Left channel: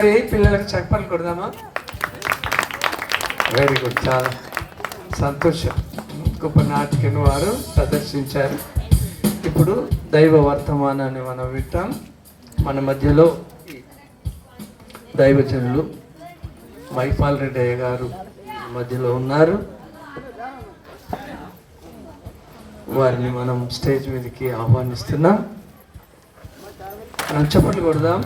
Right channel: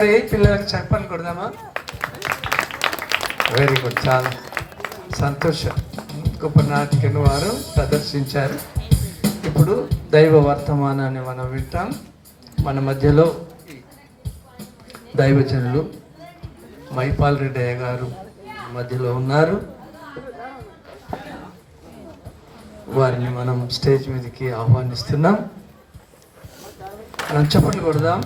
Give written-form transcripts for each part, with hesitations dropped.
పిల్లలకు చెప్పాలి కొడదామా? Very good, చాలా సంతోషం. గొప్ప నాటికను వారు ప్రదర్శించారు. ఇప్పుడు దైవ వర్తమానాన్ని మనం వింటాం. మన మధ్యలో దైవజనులు మైపాల్ రెడ్డి అయ్య గారు మధ్యలో ఉన్నారు. వారిని మనం స్టేజ్ మీదకి ఆహ్వానిస్తున్నాం. మనం చప్పట్లు కొడదాం.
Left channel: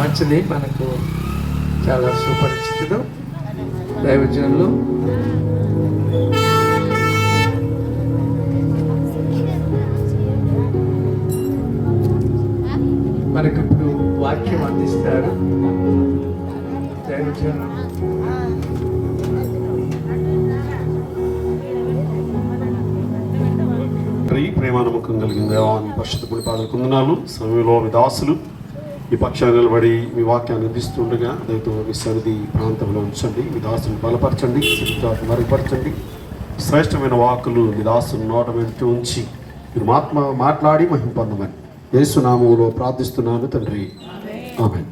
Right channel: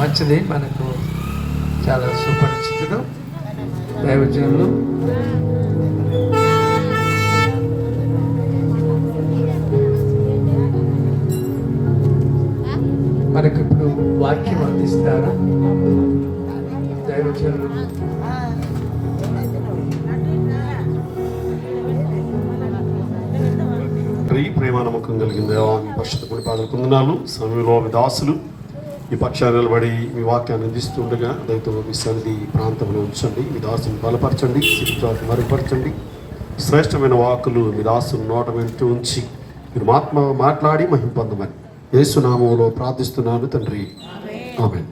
మంచిది, మనకు చాలా సుపరిచితుడు దైవజనులు. మనకు ఇప్పుడు వాక్యం అందిస్తారు దైవజనులు. ప్రేమానమ్మకం కలిగిన దేవాన్ని పరిశుద్ధ గుడి పాదలు పొందినాను. సమయంలో మీ దాసులు ఈ పక్షాన్ని నిలబడి మీ వాక్యాన్ని అందిస్తుండగా దైవం మీ సన్నిధి ప్రాంతంలో ఉంచండి. మీ దాసుని బలపరచండి, స్థితిత్వాన్ని మరుగుపరచండి. శ్రేష్టమైన వాక్కులు మీ దాసుని నోట వెంట ఉంచి మీరు మాట్లాడి మహిమ పొందమని యేసు నామములో ప్రార్థిస్తున్నాను తండ్రి, ఆమేన్.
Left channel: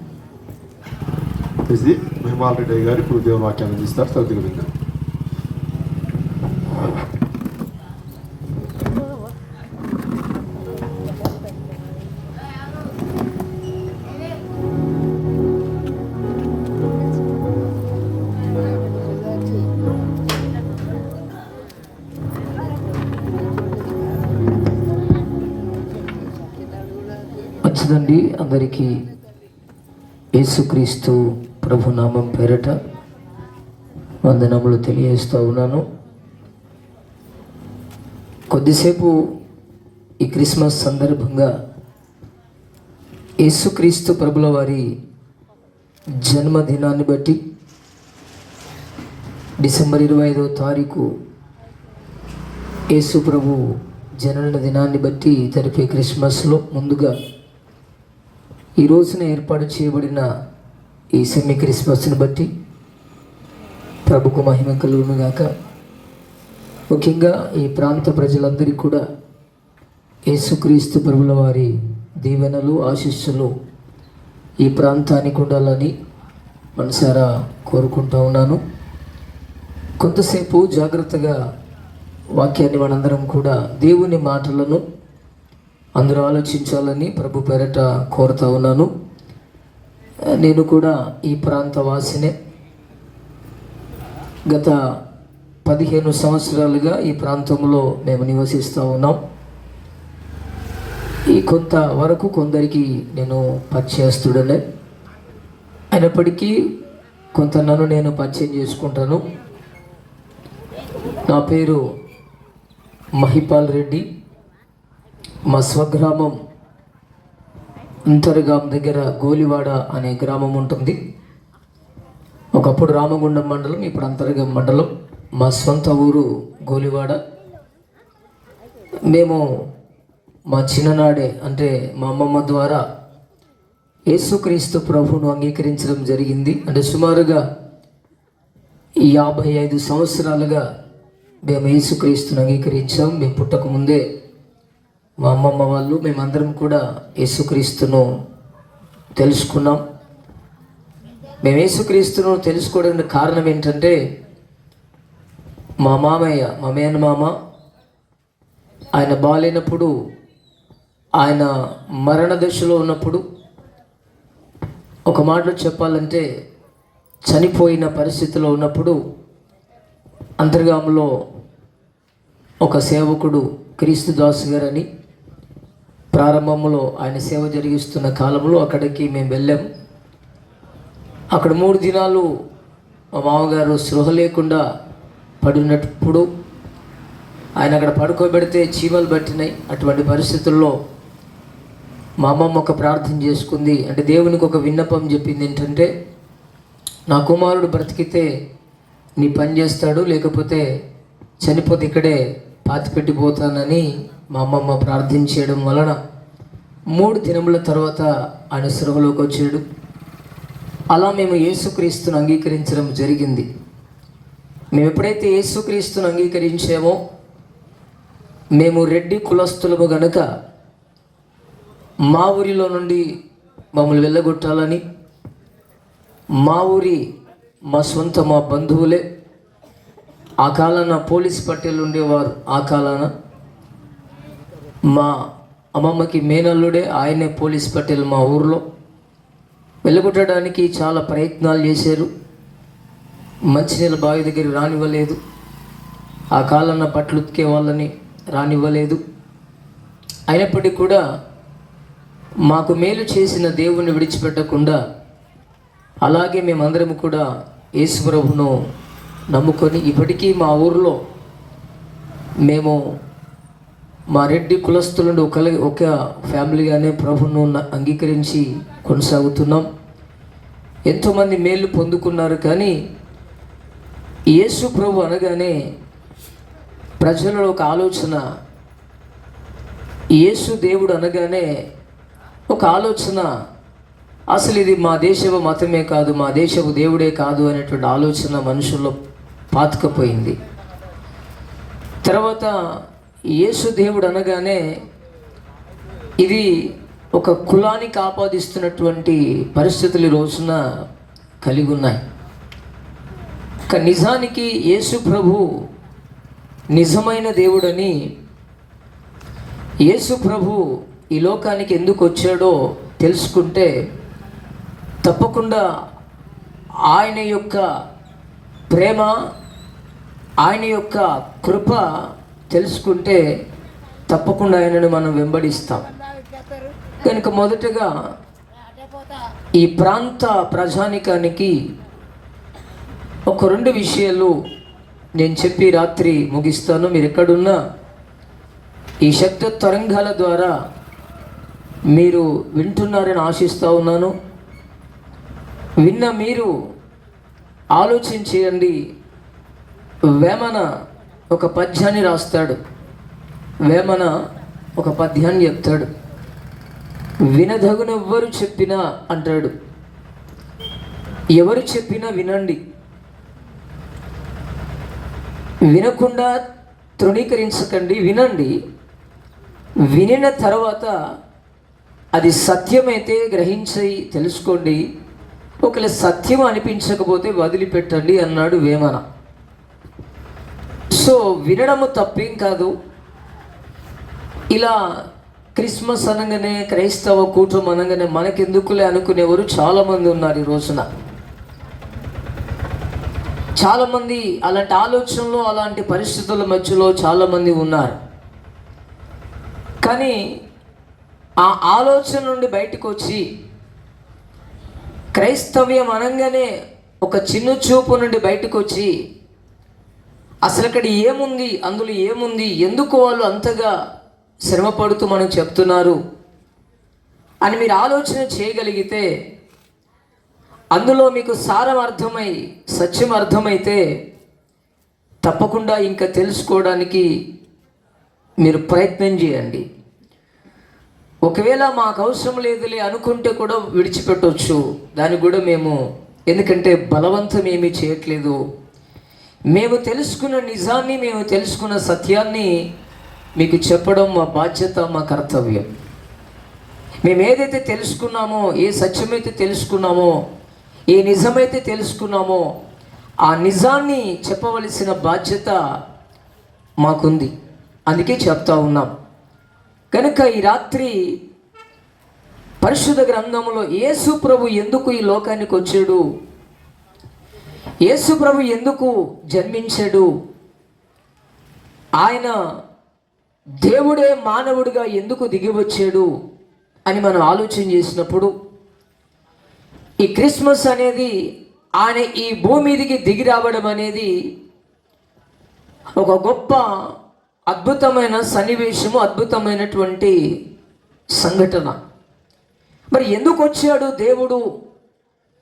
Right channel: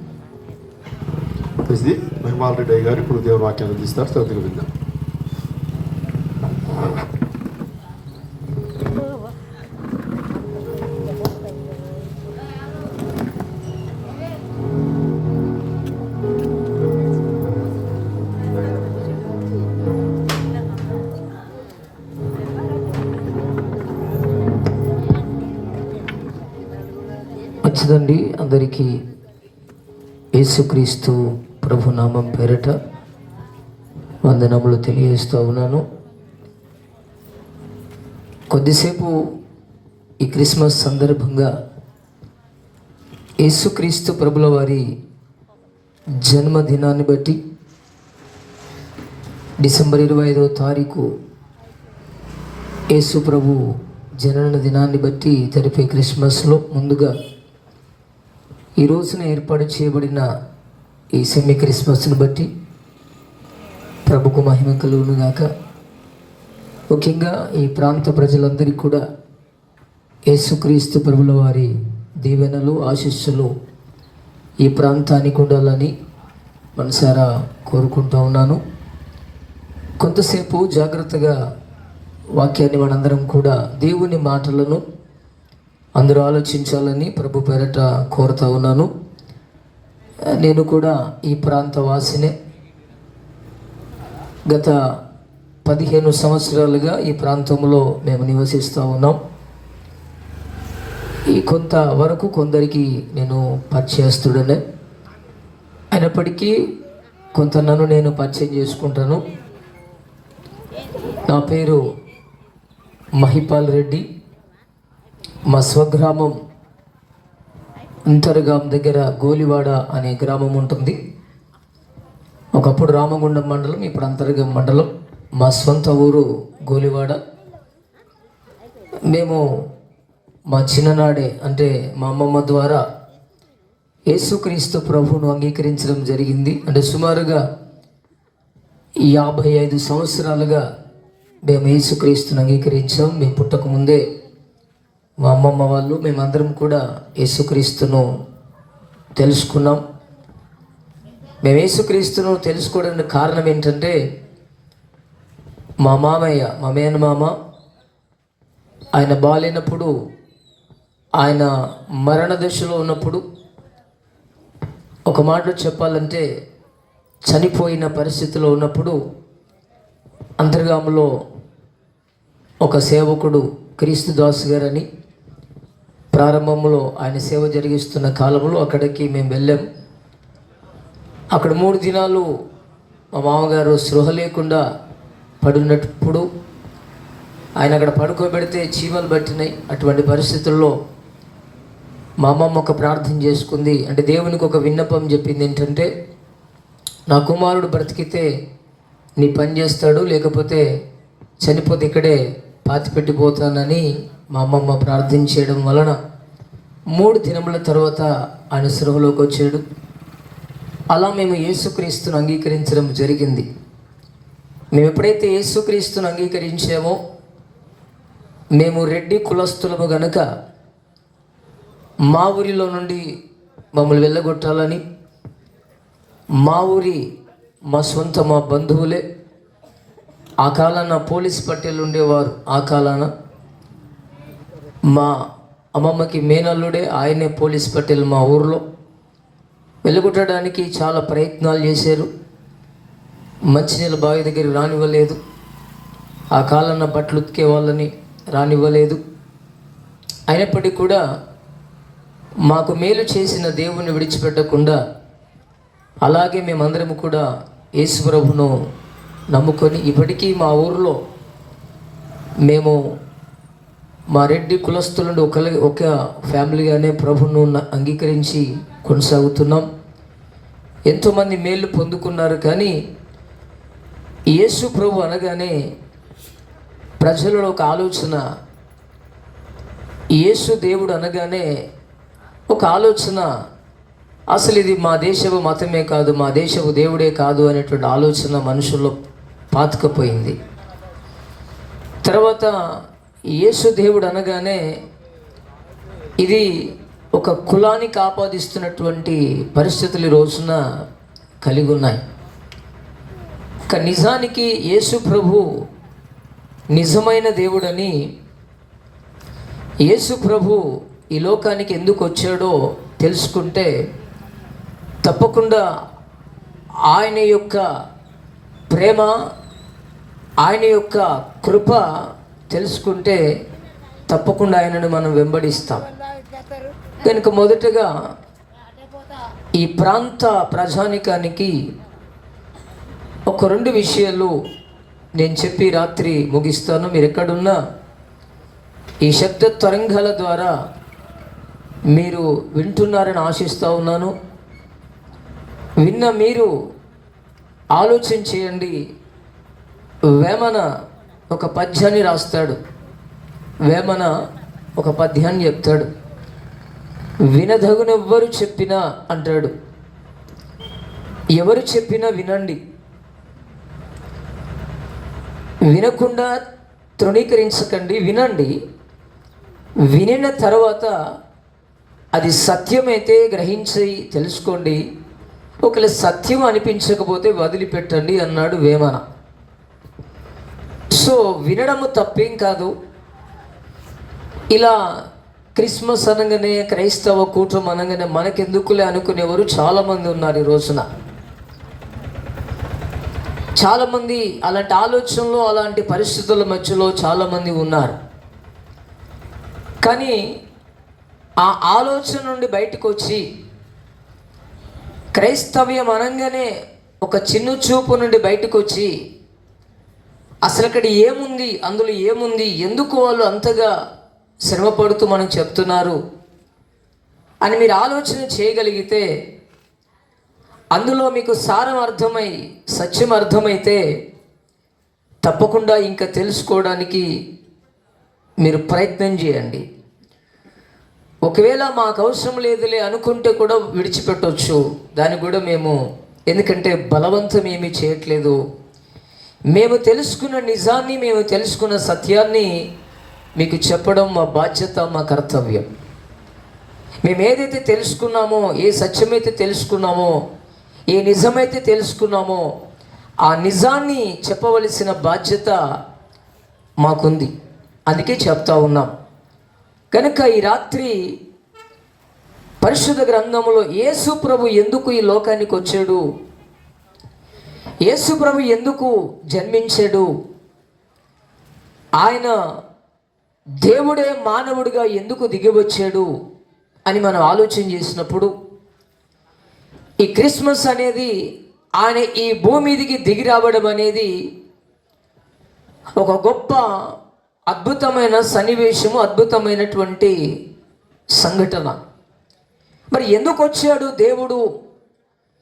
ఇది మైపాల్ రెడ్డి గారు ఇప్పుడు దేవుని వాక్యాన్ని అందిస్తారు. చదువు విందాం. మంచిదండి. అందరికీ యేసుక్రీస్తు ప్రభు నామం పేరట వందనములు తెలియజేస్తూ ఉన్నాను. కొద్దిసేపు ఈ క్రిస్మస్ సందర్భంగా యేసుక్రీస్తు ప్రభుల వారి జన్మదినాన్ని బట్టి డిసెంబర్ 25వ తారీఖు యేసు ప్రభు జనన దినాన్ని బట్టి జరిపే క్రిస్మస్లో ముందుగా ఈ రోజున ఏర్పాటు చేయబడిన ఈ సెమీ క్రిస్మస్ని బట్టి ప్రభుకు మహిమ కలుగును గాక. ముఖ్యంగా ఈ ప్రాంత ప్రజలందరికీ కూడా యేసుక్రీస్తు ప్రభుల వారి దీవెనలు ఆశీస్సులు ఈ ప్రాంతానికి ఉండాలని మనసారా కోరుకుంటూ ఉన్నాను. కొంతసేపు జాగ్రత్తగా వాక్యాన్ని మనందరం కూడా దేవుని మాటలను అందరూ ఆలోచించాలని ప్రభు పేరట కోరుతా ఉన్నాను. నేను కూడా ఈ ప్రాంత వాసినే. గత 15 సంవత్సరాలుగా ఈ ప్రాంతంలో మేము నివసిస్తూ ఉన్నాం. ఈ కొంత వరకు కొందరికి నేను పరిచయస్తుడనే, అయినప్పటికీ కొంత నన్ను నేను పరిచయం చేసుకుంటాను. నా పేరు మైపాల్ రెడ్డి. మా స్వగ్రామం అంతర్గాం దగ్గర గోలివాడ అనే గ్రామం ఉంటుంది. ఒకప్పుడు రామగుండం మండలం, ఇప్పుడు అంతర్గాం మండలం. మా సొంత ఊరు గోలివాడ. మేము మా చిన్ననాడే అంటే మా అమ్మమ్మ ద్వారా యేసుక్రీస్తు ప్రభువును అంగీకరించడం జరిగింది. అంటే సుమారుగా 55 సంవత్సరాలుగా మేము యేసుక్రీస్తుని అంగీకరించాం. మేము పుట్టక ముందే మా అమ్మమ్మ వాళ్ళు మేమందరం కూడా యేసుక్రీస్తును తెలుసుకున్నాం. మేము యేసుక్రీస్తును తెలుసుకోవడానికి కారణం ఏంటంటే మా మామయ్య, మా మేనమామ, ఆయన బాలేనప్పుడు, ఆయన మరణ దశలో ఉన్నప్పుడు, ఒక మాటలో చెప్పాలంటే చనిపోయిన పరిస్థితిలో ఉన్నప్పుడు అంతర్గాములో ఒక సేవకుడు క్రీస్తుదాస్ గారని ప్రారంభంలో ఆయన సేవ జరిగిస్తున్న కాలంలో అక్కడికి మేము వెళ్ళాం. అక్కడ 3 దినాలు మా మామగారు స్పృహ లేకుండా పడినప్పుడు ఆయన అక్కడ పడుకోబెడితే చీమలు పట్టినాయి. అటువంటి పరిస్థితుల్లో మా అమ్మమ్మ ఒక ప్రార్థన చేసుకుంది. అంటే దేవునికి ఒక విన్నపం చెప్పింది ఏంటంటే, నా కుమారుడు బ్రతికితే నీ పని చేస్తాడు, లేకపోతే చనిపోతే ఇక్కడే పాతిపెట్టిపోతానని మా అమ్మమ్మ ప్రార్థించడం వలన 3 దినముల తర్వాత ఆయన స్పృహలోకి వచ్చాడు. అలా మేము యేసుక్రీస్తును అంగీకరించడం జరిగింది. మేము ఎప్పుడైతే యేసుక్రీస్తును అంగీకరించామో, మేము రెడ్డి కులస్తులము గనుక మా ఊరిలో నుండి మమ్మల్ని వెళ్ళగొట్టాలని, మా ఊరి మా సొంత మా బంధువులే ఆ కాలాన పోలీస్ పట్టేలు ఉండేవారు. ఆ కాలాన మా అమ్మమ్మకి మేనల్లుడే ఆయనే పోలీస్ పట్టేలు మా ఊరిలో. వెళ్ళగొట్టడానికి చాలా ప్రయత్నాలు చేశారు. మంచినీళ్ళ బావి దగ్గరికి రానివ్వలేదు. ఆ కాలాన బట్టలు ఉతికే వాళ్ళని రానివ్వలేదు. అయినప్పటికీ కూడా మాకు మేలు చేసిన దేవుణ్ణి విడిచిపెట్టకుండా అలాగే మేమందరం కూడా యేసు ప్రభువును నమ్ముకొని ఇప్పటికీ మా ఊరిలో మేము మా రెడ్డి కులస్తుల నుండి ఒక ఫ్యామిలీగానే ప్రభువును అంగీకరించి కొనసాగుతున్నాం. ఎంతోమంది మేలు పొందుకున్నారు. కానీ యేసు ప్రభు అనగానే ప్రజలలో ఒక ఆలోచన, యేసు దేవుడు అనగానే ఒక ఆలోచన, అసలు ఇది మా దేశపు మతమే కాదు, మా దేశపు దేవుడే కాదు అనేటువంటి ఆలోచన మనుషుల్లో పాతుకపోయింది. తర్వాత యేసు దేవుడు అనగానే ఇది ఒక కులానికి ఆపాదిస్తున్నటువంటి పరిస్థితులు ఈ రోజున కలిగి ఉన్నాయి. కానీ నిజానికి యేసు ప్రభు నిజమైన దేవుడని, యేసు ప్రభు ఈ లోకానికి ఎందుకు వచ్చాడో తెలుసుకుంటే తప్పకుండా ఆయన యొక్క ప్రేమ, ఆయన యొక్క కృప తెలుసుకుంటే తప్పకుండా ఆయనను మనం వెంబడిస్తాం. కనుక మొదటగా ఈ ప్రాంత ప్రజానికానికి ఒక 2 విషయాలు నేను చెప్పి రాత్రి ముగిస్తాను. మీరు ఎక్కడున్నా ఈ శబ్ద తరంగాల ద్వారా మీరు వింటున్నారని ఆశిస్తూ ఉన్నాను. విన్న మీరు ఆలోచన చేయండి. వేమన ఒక పద్యాన్ని రాస్తాడు. వేమన ఒక పద్యాన్ని చెప్తాడు. వినదగునెవ్వరు చెప్పినా అంటాడు. ఎవరు చెప్పినా వినండి, వినకుండా తృణీకరించకండి, వినండి. వినిన తర్వాత అది సత్యమైతే గ్రహించి తెలుసుకోండి, ఒకవేళ సత్యం అనిపించకపోతే వదిలిపెట్టండి అన్నాడు వేమన. సో వినడము తప్పేం కాదు. ఇలా క్రిస్మస్ అనగానే, క్రైస్తవ కూటమి అనగానే మనకెందుకులే అనుకునేవారు చాలామంది ఉన్నారు ఈ రోజున. చాలామంది అలాంటి ఆలోచనలో, అలాంటి పరిస్థితుల మధ్యలో చాలామంది ఉన్నారు. కానీ ఆ ఆలోచన నుండి బయటకు వచ్చి క్రైస్తవ్యం అనగానే ఒక చిన్న చూపు నుండి బయటకు వచ్చి అసలు అక్కడ ఏముంది, అందులో ఏముంది, ఎందుకు వాళ్ళు అంతగా శ్రమపడుతూ మనం చెప్తున్నారు అని మీరు ఆలోచన చేయగలిగితే, అందులో మీకు సారం అర్థమై సత్యం అర్థమైతే తప్పకుండా ఇంకా తెలుసుకోవడానికి మీరు ప్రయత్నం చేయండి. ఒకవేళ మాకు అవసరం లేదులే అనుకుంటే కూడా విడిచిపెట్టవచ్చు. దానికి కూడా మేము, ఎందుకంటే బలవంతం ఏమీ చేయట్లేదు. మేము తెలుసుకున్న నిజాన్ని, మేము తెలుసుకున్న సత్యాన్ని మీకు చెప్పడం మా బాధ్యత, మా కర్తవ్యం. మేము ఏదైతే తెలుసుకున్నామో, ఏ సత్యమైతే తెలుసుకున్నామో, ఏ నిజమైతే తెలుసుకున్నామో ఆ నిజాన్ని చెప్పవలసిన బాధ్యత మాకుంది. అందుకే చెప్తా ఉన్నాం. కనుక ఈ రాత్రి పరిశుద్ధ గ్రంథంలో యేసు ప్రభు ఎందుకు ఈ లోకానికి వచ్చాడు, యేసు ప్రభు ఎందుకు జన్మించాడు, ఆయన దేవుడే మానవుడిగా ఎందుకు దిగి వచ్చాడు అని మనం ఆలోచన చేసినప్పుడు, ఈ క్రిస్మస్ అనేది, ఆయన ఈ భూమి మీదికి దిగి రావడం అనేది ఒక గొప్ప అద్భుతమైన సన్నివేశము, అద్భుతమైనటువంటి సంఘటన. మరి ఎందుకు వచ్చాడు దేవుడు,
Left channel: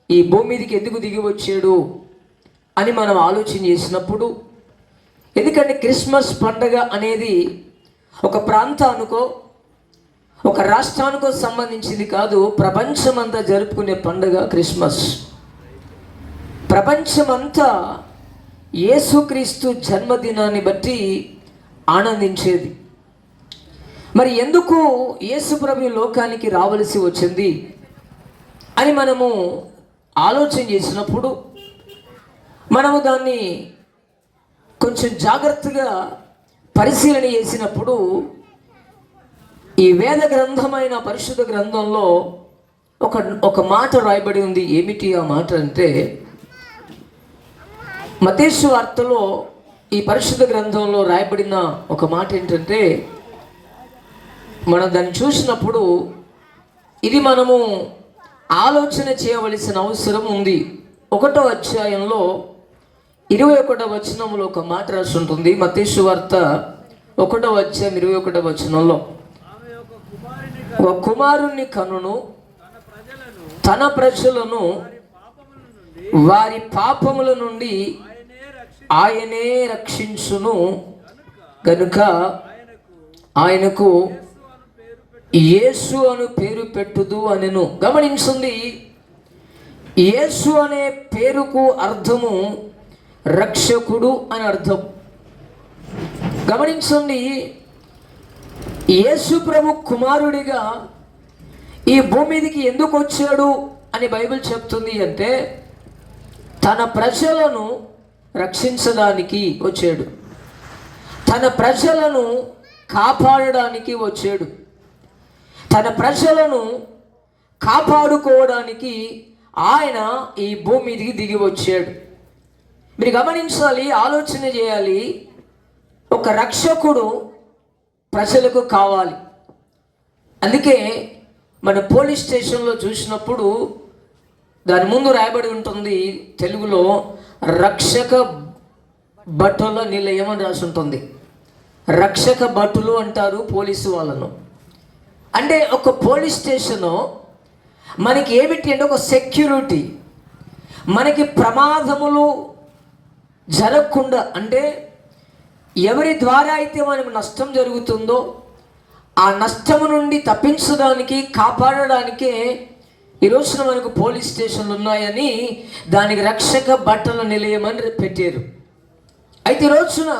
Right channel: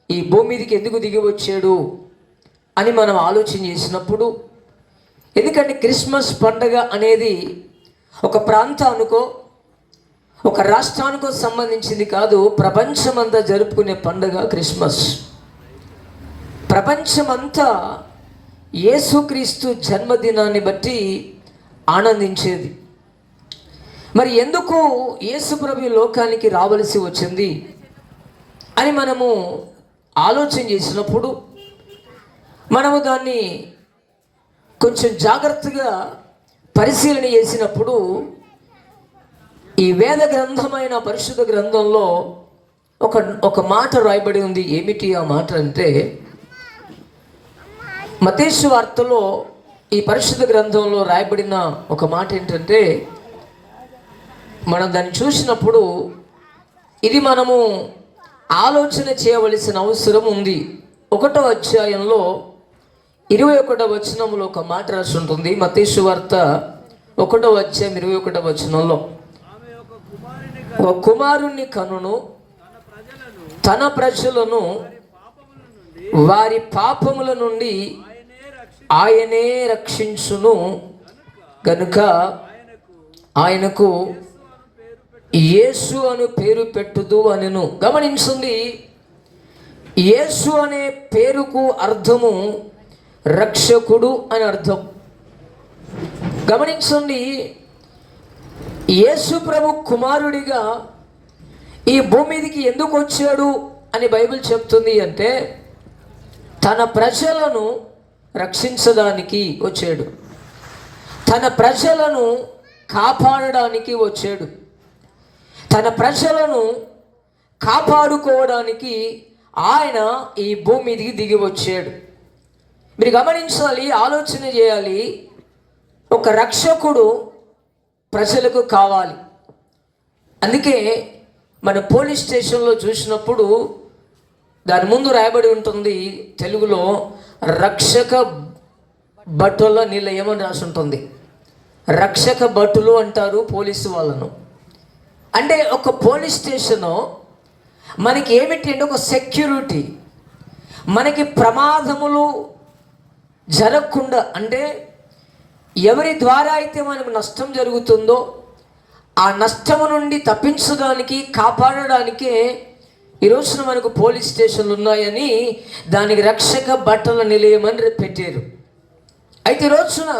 ఈ భూమి మీదకి ఎందుకు దిగి వచ్చాడు అని మనం ఆలోచన చేసినప్పుడు, ఎందుకంటే క్రిస్మస్ పండుగ అనేది ఒక ప్రాంతానికో, ఒక రాష్ట్రానికో సంబంధించింది కాదు. ప్రపంచమంతా జరుపుకునే పండుగ క్రిస్మస్. ప్రపంచమంతా యేసుక్రీస్తు జన్మదినాన్ని బట్టి ఆనందించేది. మరి ఎందుకు యేసు ప్రభు లోకానికి రావలసి వచ్చింది అని మనము ఆలోచన చేసినప్పుడు, మనము దాన్ని కొంచెం జాగ్రత్తగా పరిశీలన చేసినప్పుడు, ఈ వేద గ్రంథమైన పరిశుద్ధ గ్రంథంలో ఒక మాట రాయబడి ఉంది. ఏమిటి ఆ మాట అంటే, మత్తయి వార్తలో ఈ పరిశుద్ధ గ్రంథంలో రాయబడిన ఒక మాట ఏంటంటే, మనం దాన్ని చూసినప్పుడు ఇది మనము ఆలోచన చేయవలసిన అవసరం ఉంది. 1వ అధ్యాయంలో 21వ వచనంలో ఒక మాట రాసి ఉంటుంది. మత్తయి వార్త 1వ అధ్యాయం 21వ వచనంలో, ఒక కుమారుని కనును తన ప్రజలను వారి పాపముల నుండి ఆయనే రక్షించును గనుక ఆయనకు యేసు అను పేరు పెట్టుదు అనెను. గమనించండి, యేసు అనే పేరుకు అర్థము రక్షకుడు అని అర్థం. గమనించండి, యేసు ప్రభు కుమారుడిగా ఈ భూమి మీదకి ఎందుకు వచ్చాడు అని బైబిల్ చెప్తుంది అంటే, తన ప్రజలను రక్షించడానికి వచ్చాడు, తన ప్రజలను కాపాడడానికి వచ్చాడు, తన ప్రజలను కాపాడుకోవడానికి ఆయన ఈ భూమి మీదకి దిగి వచ్చాడు. మీరు గమనించాలి, ఆలోచన చేయాలి. ఒక రక్షకుడు ప్రజలకు కావాలి. అందుకే మన పోలీస్ స్టేషన్లో చూసినప్పుడు దాని ముందు రాయబడి ఉంటుంది తెలుగులో, రక్షక భటుల నిలయం అని రాసి ఉంటుంది. రక్షక భటులు అంటారు పోలీసు వాళ్ళను. అంటే ఒక పోలీస్ స్టేషను మనకి ఏమిటి అంటే ఒక సెక్యూరిటీ. మనకి ప్రమాదములు జరగకుండా, అంటే ఎవరి ద్వారా అయితే మనకు నష్టం జరుగుతుందో ఆ నష్టము నుండి తప్పించడానికి, కాపాడడానికే ఈరోజున మనకు పోలీస్ స్టేషన్లు ఉన్నాయని దానికి రక్షక భటుల నిలయం అని పెట్టారు. అయితే ఈరోజున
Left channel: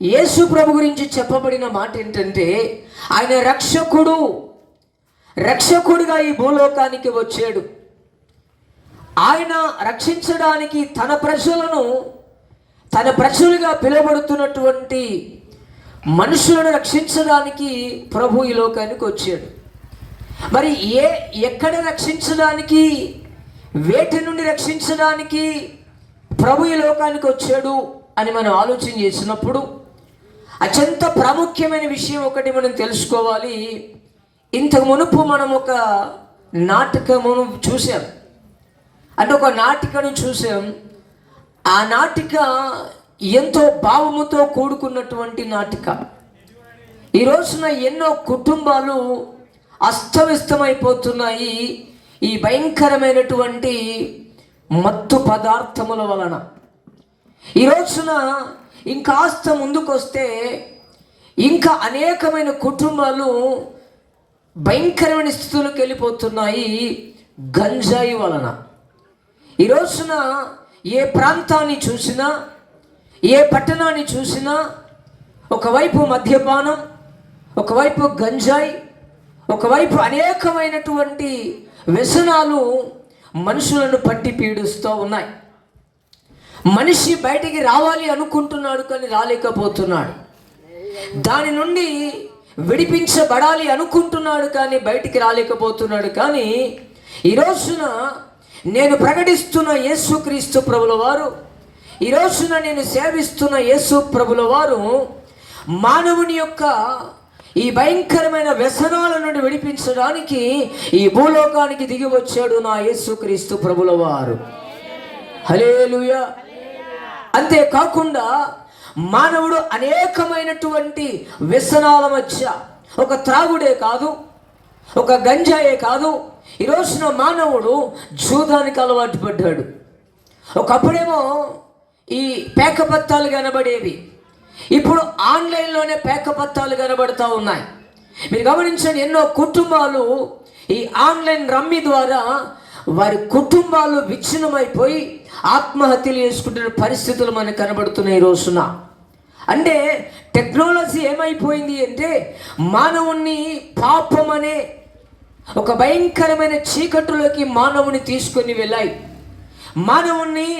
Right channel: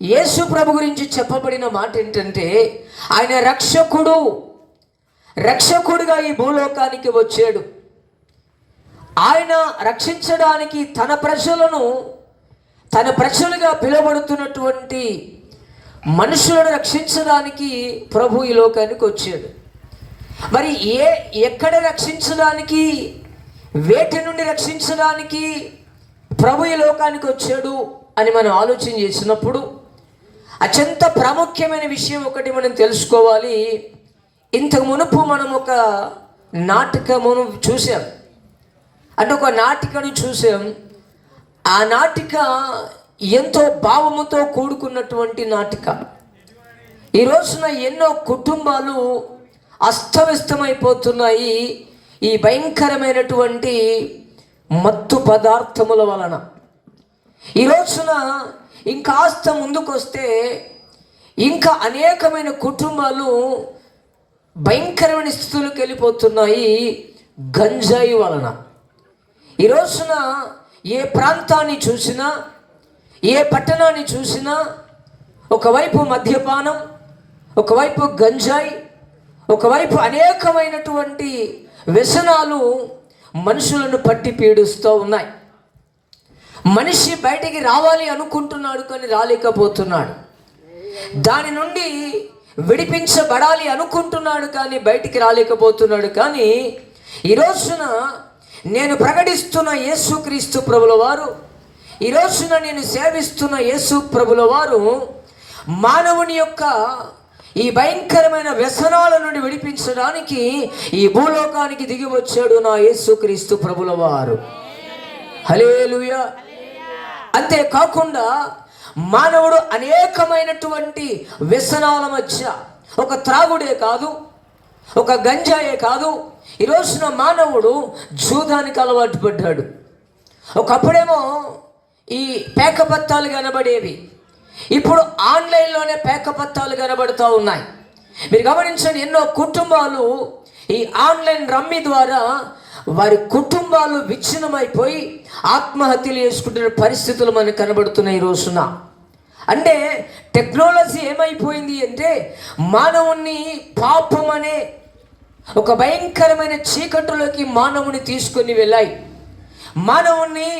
యేసు ప్రభు గురించి చెప్పబడిన మాట ఏంటంటే, ఆయన రక్షకుడుగా ఈ భూలోకానికి వచ్చాడు. ఆయన రక్షించడానికి తన ప్రజలుగా పిలువబడుతున్నటువంటి మనుషులను రక్షించడానికి ప్రభు ఈ లోకానికి వచ్చాడు. మరి ఎక్కడ రక్షించడానికి, వేటి నుండి రక్షించడానికి ప్రభు ఈ లోకానికి వచ్చాడు అని మనం ఆలోచన చేసినప్పుడు అత్యంత ప్రాముఖ్యమైన విషయం ఒకటి మనం తెలుసుకోవాలి. ఇంతకు మునుపు మనం ఒక నాటకమును చూసాం, అంటే ఒక నాటికను చూసాం. ఆ నాటిక ఎంతో భావముతో కూడుకున్నటువంటి నాటిక. ఈ రోజున ఎన్నో కుటుంబాలు అస్తవ్యస్తమైపోతున్నాయి ఈ భయంకరమైనటువంటి మత్తు పదార్థముల వలన. ఈ రోజున ఇంకాస్త ముందుకొస్తే ఇంకా అనేకమైన కుటుంబాలు భయంకరమైన స్థితులకు వెళ్ళిపోతున్నాయి గంజాయి వలన. ఈ రోజున ఏ ప్రాంతాన్ని చూసినా, ఏ పట్టణాన్ని చూసినా ఒకవైపు మద్యపానం, ఒకవైపు గంజాయి, ఒకవైపు అనేకమైనటువంటి వ్యసనాలు మనుషులను పట్టి పీడిస్తూ ఉన్నాయి. మనిషి బయటికి రావాలి అనుకుంటున్నాడు కానీ రాలేకపోతున్నాడు. దాని నుండి విడిపించబడాలి అనుకుంటున్నాడు కానీ బయటికి రాలేకపోతున్నాడు. కానీ ఈ రోజున నేను ప్రకటిస్తున్న యేసుక్రీస్తు ప్రభుల వారు, ఈ రోజున నేను సేవిస్తున్న యేసు ప్రభుల వారు మానవుని యొక్క ఈ భయంకరమైన వ్యసనాల నుండి విడిపించడానికి ఈ భూలోకానికి దిగి వచ్చాడు నా యేసుక్రీస్తు ప్రభుల వారు. హల్లెలూయా. అంతేకాకుండా మానవుడు అనేకమైనటువంటి వ్యసనాల మధ్య, ఒక త్రాగుడే కాదు, ఒక గంజాయే కాదు, ఈ రోజున మానవుడు జూదానికి అలవాటు పడ్డాడు. ఒకప్పుడేమో ఈ పేకపత్తాలు కనబడేవి, ఇప్పుడు ఆన్లైన్లోనే పేకపత్తాలు కనబడుతూ ఉన్నాయి. మీరు గమనించండి, ఎన్నో కుటుంబాలు ఈ ఆన్లైన్ రమ్మీ ద్వారా వారి కుటుంబాలు విచ్ఛిన్నమైపోయి ఆత్మహత్యలు చేసుకుంటున్న పరిస్థితులు మనకు కనబడుతున్నాయి ఈ రోజున. అంటే టెక్నాలజీ ఏమైపోయింది అంటే మానవుణ్ణి పాపం అనే ఒక భయంకరమైన చీకటిలోకి మానవుని తీసుకొని వెళ్ళాయి. మానవుని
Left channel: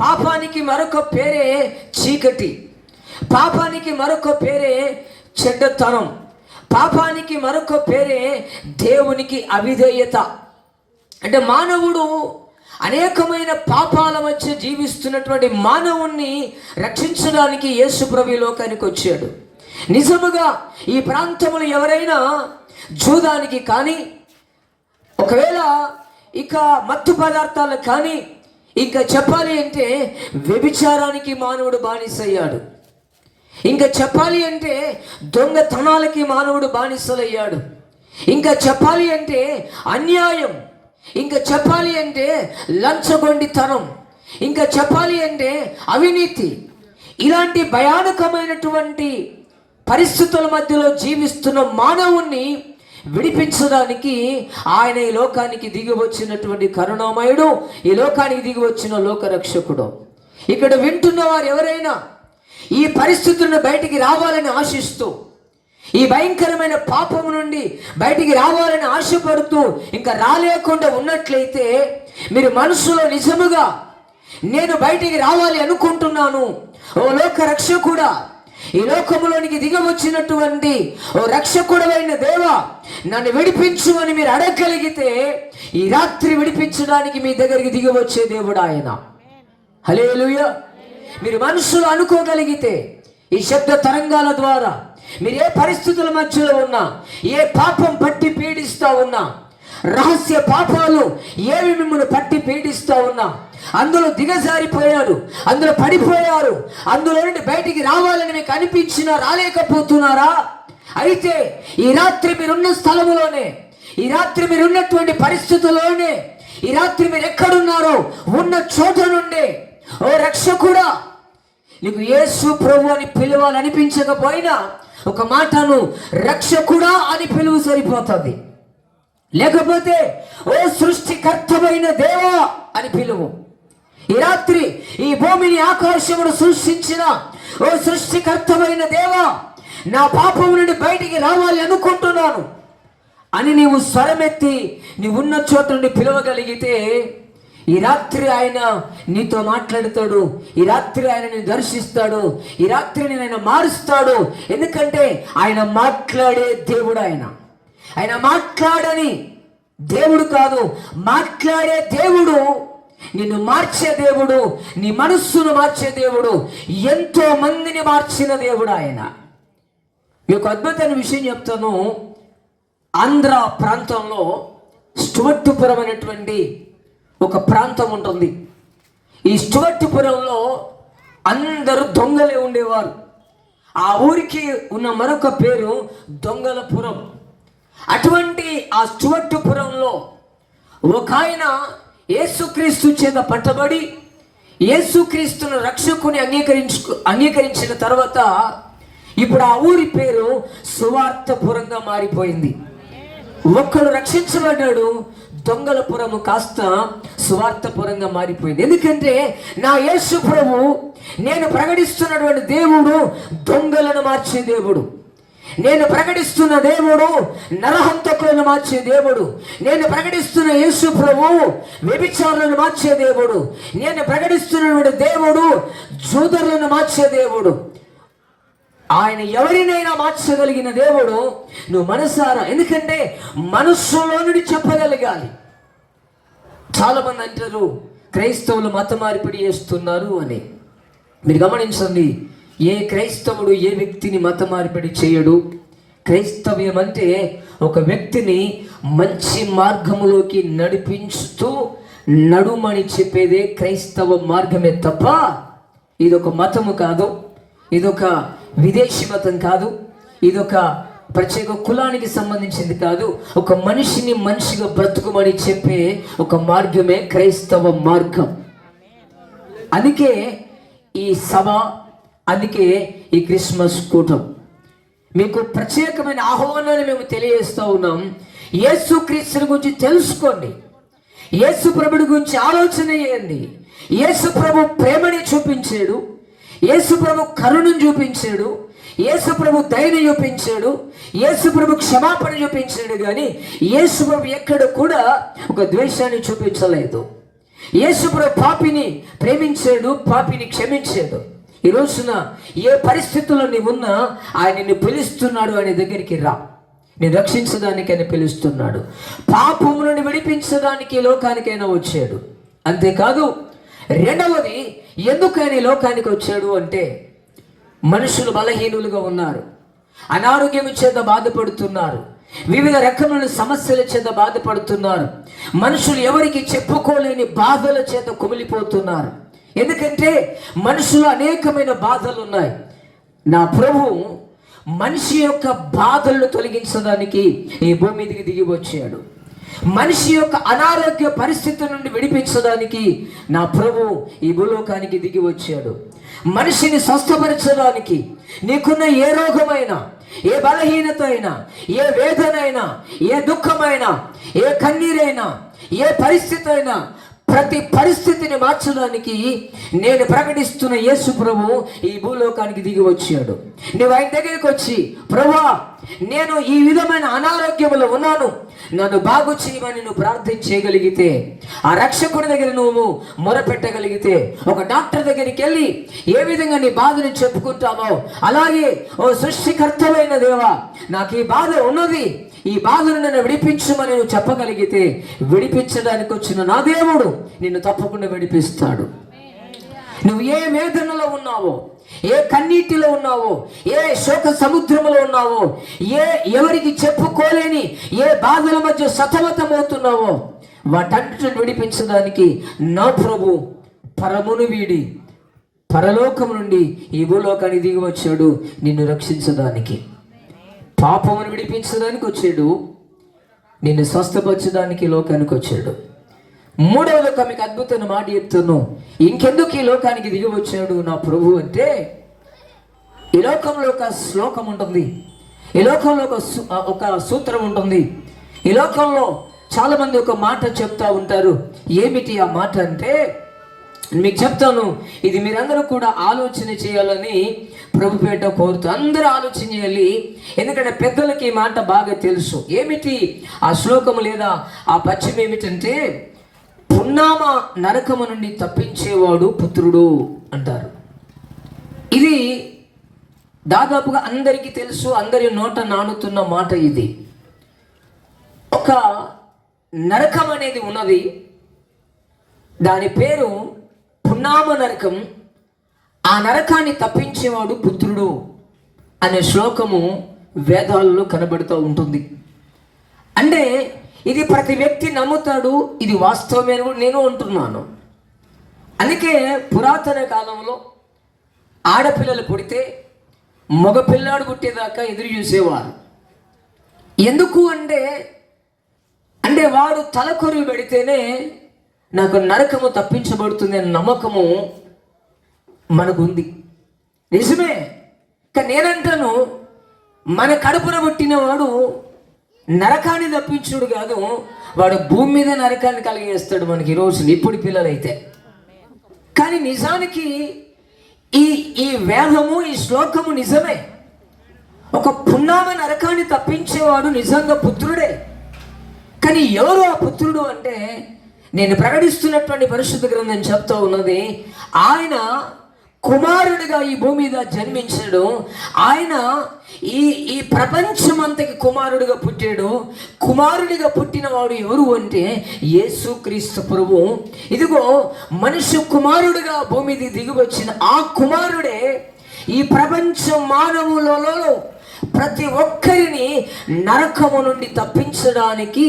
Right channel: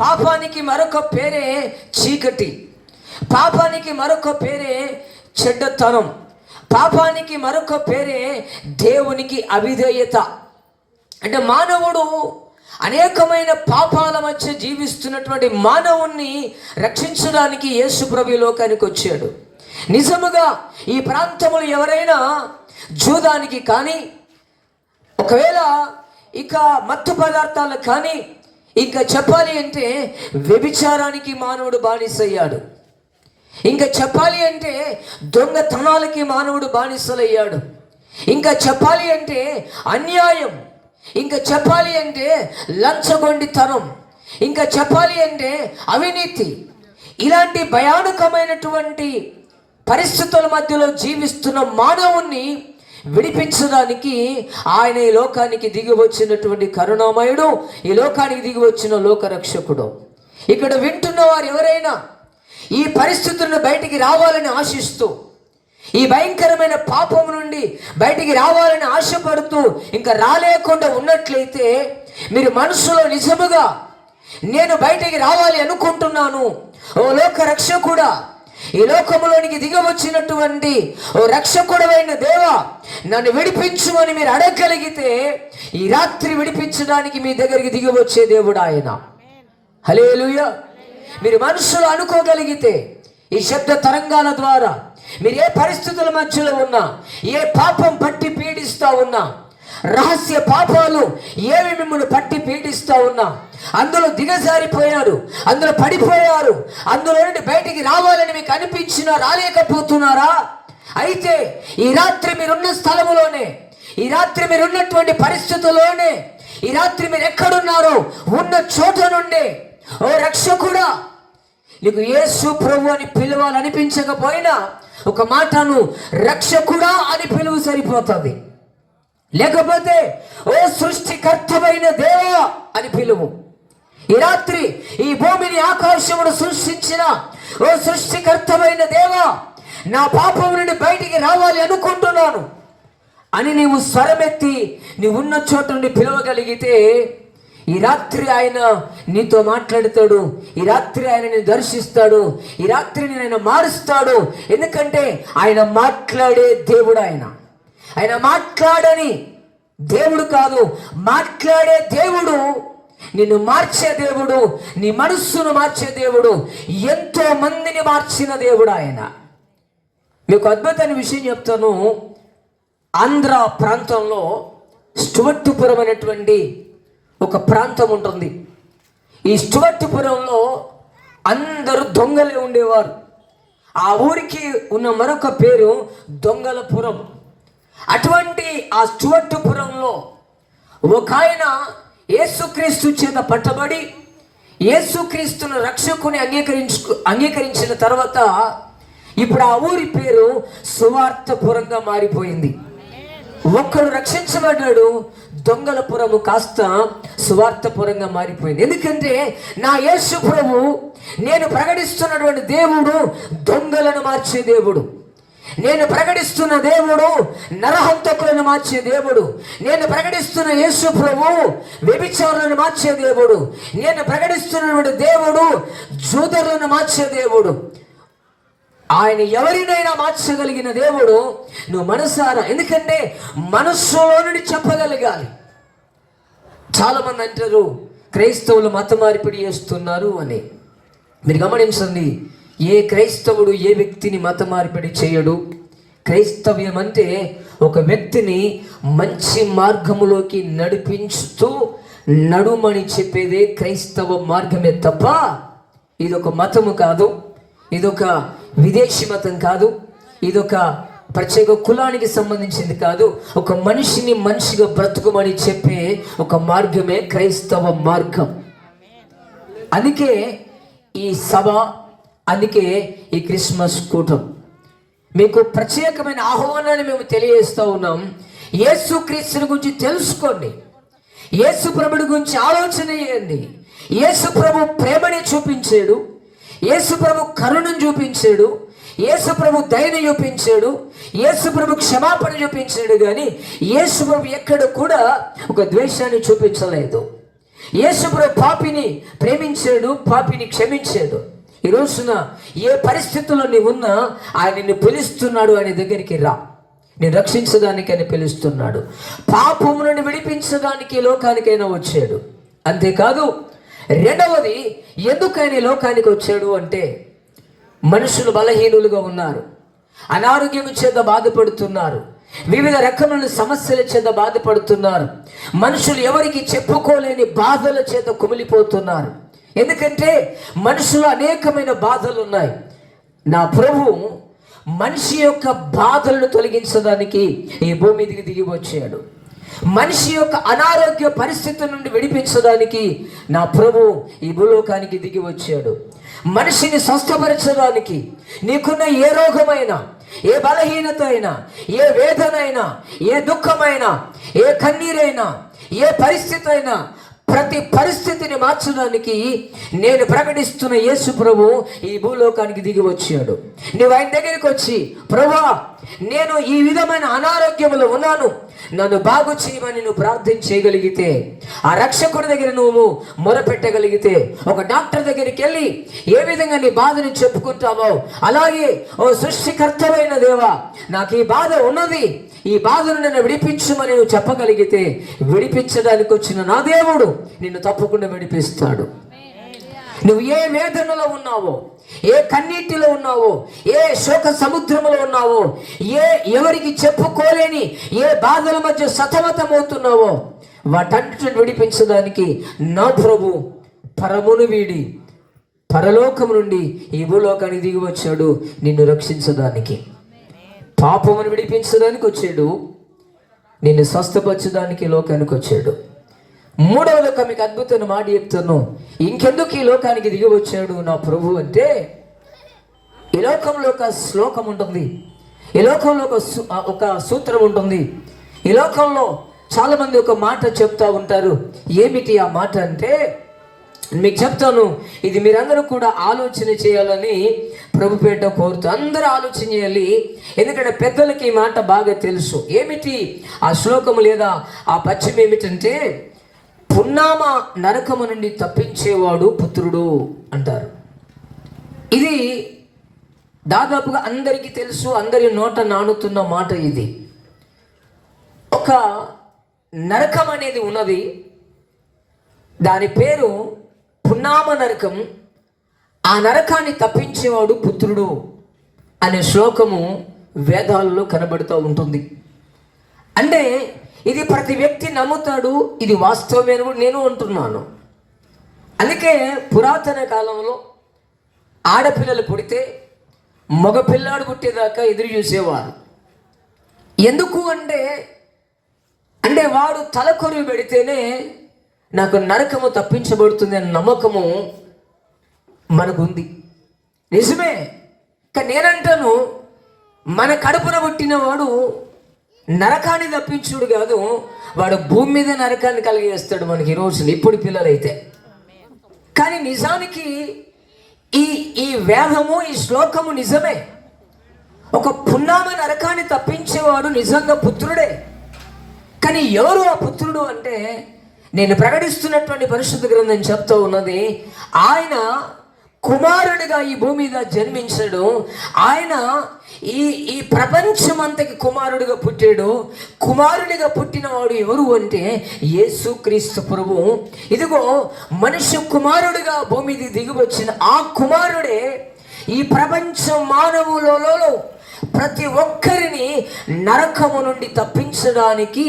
పాపానికి మరొక పేరే చీకటి, పాపానికి మరొక పేరే చెడ్డతనం, పాపానికి మరొక పేరే దేవునికి అవిధేయత. అంటే మానవుడు అనేకమైన పాపాల మధ్య జీవిస్తున్నటువంటి మానవుణ్ణి రక్షించడానికి యేసు ప్రభు లోకానికి వచ్చాడు. నిజముగా ఈ ప్రాంతంలో ఎవరైనా జూదానికి కానీ, ఒకవేళ ఇక మత్తు పదార్థాలకు కానీ, ఇంకా చెప్పాలి అంటే వ్యభిచారానికి మానవుడు బానిసయ్యాడు. ఇంకా చెప్పాలి అంటే దొంగతనాలకి మానవుడు బానిసలయ్యాడు. ఇంకా చెప్పాలి అంటే అన్యాయం, ఇంకా చెప్పాలి అంటే లంచగొండితనం, ఇంకా చెప్పాలి అంటే అవినీతి, ఇలాంటి భయానకమైనటువంటి పరిస్థితుల మధ్యలో జీవిస్తున్న మానవుణ్ణి విడిపించడానికి ఆయన ఈ లోకానికి దిగి వచ్చినటువంటి కరుణామయుడు, ఈ లోకానికి దిగి వచ్చిన లోకరక్షకుడు. ఇక్కడ వింటున్న వారు ఎవరైనా ఈ పరిస్థితులను బయటికి రావాలని ఆశిస్తూ, ఈ భయంకరమైన పాపం నుండి బయటికి రావాలని ఆశపడుతూ ఇంకా రాలేకుండా ఉన్నట్లయితే, మీరు మనసులో నిజముగా నేను బయటికి రావాలి అనుకుంటున్నాను, ఓ లోక రక్షకుడా, ఈ లోకములోనికి దిగవచ్చినటువంటి ఓ రక్షకుడైన దేవా నన్ను విడిపించు అని మీరు అడగగలిగితే, ఈ రాత్రి విడిపించడానికి మీ దగ్గరికి దిగవచ్చే దేవుడు ఆయన. హల్లెలూయా. మీరు మనసులో అనుకోగలిగితే, ఈ శబ్ద తరంగాల ద్వారా మీరు ఏ పరిస్థితుల మధ్యలో ఉన్నా, ఏ పాపం పట్టి పీడిస్తా ఉన్నా, రహస్య పాపాలు ఏవి మిమ్మల్ని పట్టి పీడిస్తా ఉన్నా, అందులో దిగజారిపోయారు, అందులో పడిపోయారు, అందులో నుండి బయటికి రావాలని మీకు అనిపించినా రాలేకపోతున్నారా? అయితే ఈ రాత్రి మీరున్న స్థలములోనే, ఈ రాత్రి మీరున్నటువంటి పరిస్థితుల్లోనే, ఈ రాత్రి మీరు ఎక్కడున్నారో ఉన్న చోట నుండి, ఓ రక్షకుడా, నీకు యేసు ప్రభు అని పిలవాలనిపించకపోయినా ఒక మాటను రక్షకుడా అని పిలువు సరిపోతుంది. లేకపోతే ఓ సృష్టికర్తమైన దేవా అని పిలువు. ఈ రాత్రి ఈ భూమిని ఆకాశమును సృష్టించిన ఓ సృష్టికర్తమైన దేవా, నా పాపం నుండి బయటికి రావాలి అనుకుంటున్నాను అని నీవు స్వరమెత్తి నీ ఉన్న చోట నుండి పిలవగలిగితే, ఈ రాత్రి ఆయన నీతో మాట్లాడతాడు, ఈ రాత్రి ఆయన నేను దర్శిస్తాడు, ఈ రాత్రి నేను మారుస్తాడు. ఎందుకంటే ఆయన మాట్లాడే దేవుడు. ఆయన మాట్లాడని దేవుడు కాదు, మాట్లాడే దేవుడు, నిన్ను మార్చే దేవుడు, నీ మనస్సును మార్చే దేవుడు, ఎంతో మందిని మార్చిన దేవుడు ఆయన. మీకు అద్భుతమైన విషయం చెప్తాను. ఆంధ్ర ప్రాంతంలో స్టువర్టుపురం అనేటువంటి ఒక ప్రాంతం ఉంటుంది. ఈ స్టువర్టుపురంలో అందరూ దొంగలే ఉండేవారు. ఆ ఊరికి ఉన్న మరొక పేరు దొంగలపురం. అటువంటి ఆ స్టువర్టుపురంలో ఒక ఆయన యేసుక్రీస్తు చేత పట్టబడి యేసుక్రీస్తును రక్షకుని అంగీకరించిన తర్వాత ఇప్పుడు ఆ ఊరి పేరు సువార్తపురంగా మారిపోయింది. ఒక్కడు రక్షించబడ్డాడు, దొంగలపురము కాస్త సువార్తపురంగా మారిపోయింది. ఎందుకంటే నా యేసు ప్రభు, నేను ప్రకటిస్తున్నటువంటి దేవుడు దొంగలను మార్చే దేవుడు. నేను ప్రకటిస్తున్న దేవుడు నరహంతకులను మార్చే దేవుడు. నేను ప్రకటిస్తున్న యేసు ప్రభు వ్యభిచారులను మార్చే దేవుడు. నేను ప్రకటిస్తున్నటువంటి దేవుడు జూదరులను మార్చే దేవుడు. ఆయన ఎవరినైనా మార్చగలిగిన దేవుడు. నువ్వు మనసారా, ఎందుకంటే మనస్సులో నుండి చెప్పగలగాలి. చాలా మంది అంటారు క్రైస్తవులు మత మార్పిడి చేస్తున్నారు అని. మీరు గమనించండి, ఏ క్రైస్తవుడు ఏ వ్యక్తిని మత మార్పిడి చేయడు. క్రైస్తవ్యం అంటే ఒక వ్యక్తిని మంచి మార్గములోకి నడిపించుతూ నడుమని చెప్పేదే క్రైస్తవ మార్గమే తప్ప ఇదొక మతము కాదు, ఇదొక విదేశీ మతం కాదు, ఇదొక ప్రత్యేక కులానికి సంబంధించింది కాదు. ఒక మనిషిని మనిషిగా బ్రతుకుమని చెప్పే ఒక మార్గమే క్రైస్తవ మార్గం. అందుకే ఈ సభ, అందుకే ఈ క్రిస్మస్ కూటం మీకు ప్రత్యేకమైన ఆహ్వానాన్ని మేము తెలియజేస్తూ ఉన్నాం. యేసుక్రీస్తుని గురించి తెలుసుకోండి. యేసు ప్రభుడి గురించి ఆలోచన చేయండి. యేసు ప్రభు ప్రేమని చూపించాడు, యేసు ప్రభు కరుణను చూపించాడు, యేసు ప్రభు దయని చూపించాడు, యేసు ప్రభు క్షమాపణ చూపించాడు. కానీ యేసు ప్రభు ఎక్కడ కూడా ఒక ద్వేషాన్ని చూపించలేదు. యేసు ప్రభు పాపిని ప్రేమించాడు, పాపిని క్షమించాడు. ఈ రోజున ఏ పరిస్థితుల్లో నీవున్నా ఆయన నిన్ను పిలుస్తున్నాడు, ఆయన దగ్గరికి రా, నేను రక్షించడానికి ఆయన పిలుస్తున్నాడు. పాపము నుండి విడిపించడానికి లోకానికైనా వచ్చాడు. అంతేకాదు, రెండవది, ఎందుకు ఆయన ఈ లోకానికి వచ్చాడు అంటే, మనుషులు బలహీనులుగా ఉన్నారు, అనారోగ్యం చేత బాధపడుతున్నారు, వివిధ రకమైన సమస్యల చేత బాధపడుతున్నారు, మనుషులు ఎవరికి చెప్పుకోలేని బాధల చేత కుమిలిపోతున్నారు. ఎందుకంటే మనుషులు అనేకమైన బాధలు ఉన్నాయి. నా ప్రభు మనిషి యొక్క బాధలను తొలగించడానికి ఈ భూమి మీదకి దిగి వచ్చాడు. మనిషి యొక్క అనారోగ్య పరిస్థితుల నుండి విడిపించడానికి నా ప్రభు ఈ భూలోకానికి దిగి వచ్చాడు. మనిషిని స్వస్థపరచడానికి, నీకున్న ఏ రోగమైనా, ఏ బలహీనత అయినా, ఏ వేదన అయినా, ఏ దుఃఖమైనా, ఏ కన్నీరైనా, ఏ పరిస్థితి అయినా, ప్రతి పరిస్థితిని మార్చడానికి నేను ప్రకటిస్తున్న యేసు ప్రభు ఈ భూలోకానికి దిగి వచ్చాడు. నువ్వు ఆయన దగ్గరికి వచ్చి, ప్రభువా, నేను ఈ విధమైన అనారోగ్యంలో ఉన్నాను, నన్ను బాగు చేయమని నువ్వు ప్రార్థన చేయగలిగితే, ఆ రక్షకుడి దగ్గర నువ్వు మొరపెట్టగలిగితే, ఒక డాక్టర్ దగ్గరికి వెళ్ళి ఏ విధంగా నీ బాధను చెప్పుకుంటావో అలాగే, ఓ సృష్టికర్తమైన దేవా, నాకు ఈ బాధ ఉన్నది, ఈ బాధను నన్ను విడిపించమని నువ్వు చెప్పగలిగితే, విడిపించడానికి వచ్చిన నా దేవుడు నిన్ను తప్పకుండా విడిపిస్తాడు. నువ్వు ఏ వేదనలో ఉన్నావో, ఏ కన్నీటిలో ఉన్నావో, ఏ శోక సముద్రంలో ఉన్నావో, ఎవరికి చెప్పుకోలేని ఏ బాధల మధ్య సతమతమవుతున్నావో, వాటన్నిటిని విడిపించడానికి నా ప్రభు పరమును వీడి పరలోకము నుండి ఈ భూలోకానికి దిగి వచ్చాడు, నిన్ను రక్షించడానికి, పాపమును విడిపించడానికి వచ్చాడు, నిన్ను స్వస్థపరచడానికి లోకానికి వచ్చాడు. మూడవది మీకు అద్భుతమైన మాట చెప్తాను. ఇంకెందుకు ఈ లోకానికి దిగి వచ్చాడు నా ప్రభు అంటే, ఈ లోకంలో ఒక శ్లోకం ఉంటుంది, ఈ లోకంలో ఒక సూత్రం ఉంటుంది. ఈ లోకంలో చాలా మంది ఒక మాట చెప్తా ఉంటారు. ఏమిటి ఆ మాట అంటే, మీకు చెప్తాను, ఇది మీరందరూ కూడా ఆలోచన చేయాలని ప్రభుపేట కోరుతూ అందరూ ఆలోచన చేయాలి. ఎందుకంటే పెద్దలకి ఈ మాట బాగా తెలుసు. ఏమిటి ఆ శ్లోకము లేదా ఆ పద్యం ఏమిటంటే, పున్నామ నరకము నుండి తప్పించేవాడు పుత్రుడు అంటారు. ఇది దాదాపుగా అందరికీ తెలుసు, అందరి నోట నానుతున్న మాట. ఇది ఒక నరకం అనేది ఉన్నది, దాని పేరు పున్నామ నరకం. ఆ నరకాన్ని తప్పించేవాడు పుత్రుడు అనే శ్లోకము వేదాల్లో కనబడుతూ ఉంటుంది. అంటే ఇది ప్రతి వ్యక్తి నమ్ముతాడు, ఇది వాస్తవమే అని కూడా నేను అంటున్నాను. అందుకే పురాతన కాలంలో ఆడపిల్లలు పుడితే మగపిల్లాడు పుట్టేదాకా ఎదురు చూసేవారు. ఎందుకు అంటే వాడు తలకొరువు పెడితేనే నాకు నరకము తప్పించబడుతుంది అనే నమ్మకము మనకుంది. నిజమే. కానీ నేనంటాను, మన కడుపున పుట్టిన వాడు నరకాన్ని తప్పించుడు కాదు, వాడు భూమి మీద నరకాన్ని కలిగేస్తాడు మనకి ఈ రోజులు, ఇప్పుడు పిల్లలైతే. కానీ నిజానికి ఈ వేదము, ఈ శ్లోకము నిజమే. ఒక పున్నామ నరకాన్ని తప్పించేవాడు నిజంగా పుత్రుడే. కానీ ఎవరు ఆ పుత్రుడు అంటే, నేను ప్రకటిస్తున్నటువంటి పరిశుద్ధ గ్రంథం చెప్తా ఉన్నది, ఆయన కుమారుడిగా ఈ భూమి మీద జన్మించాడు. ఆయన ఈ ప్రపంచమంతకి కుమారుడిగా పుట్టాడు. కుమారుడిగా పుట్టినవాడు ఎవరు అంటే యేసుక్రీస్తు ప్రభువు. ఇదిగో మనుష్య కుమారుడిగా భూమి మీద దిగి వచ్చిన ఆ కుమారుడే ఈ ప్రపంచ మానవులలో ప్రతి ఒక్కరిని నరకము నుండి తప్పించడానికి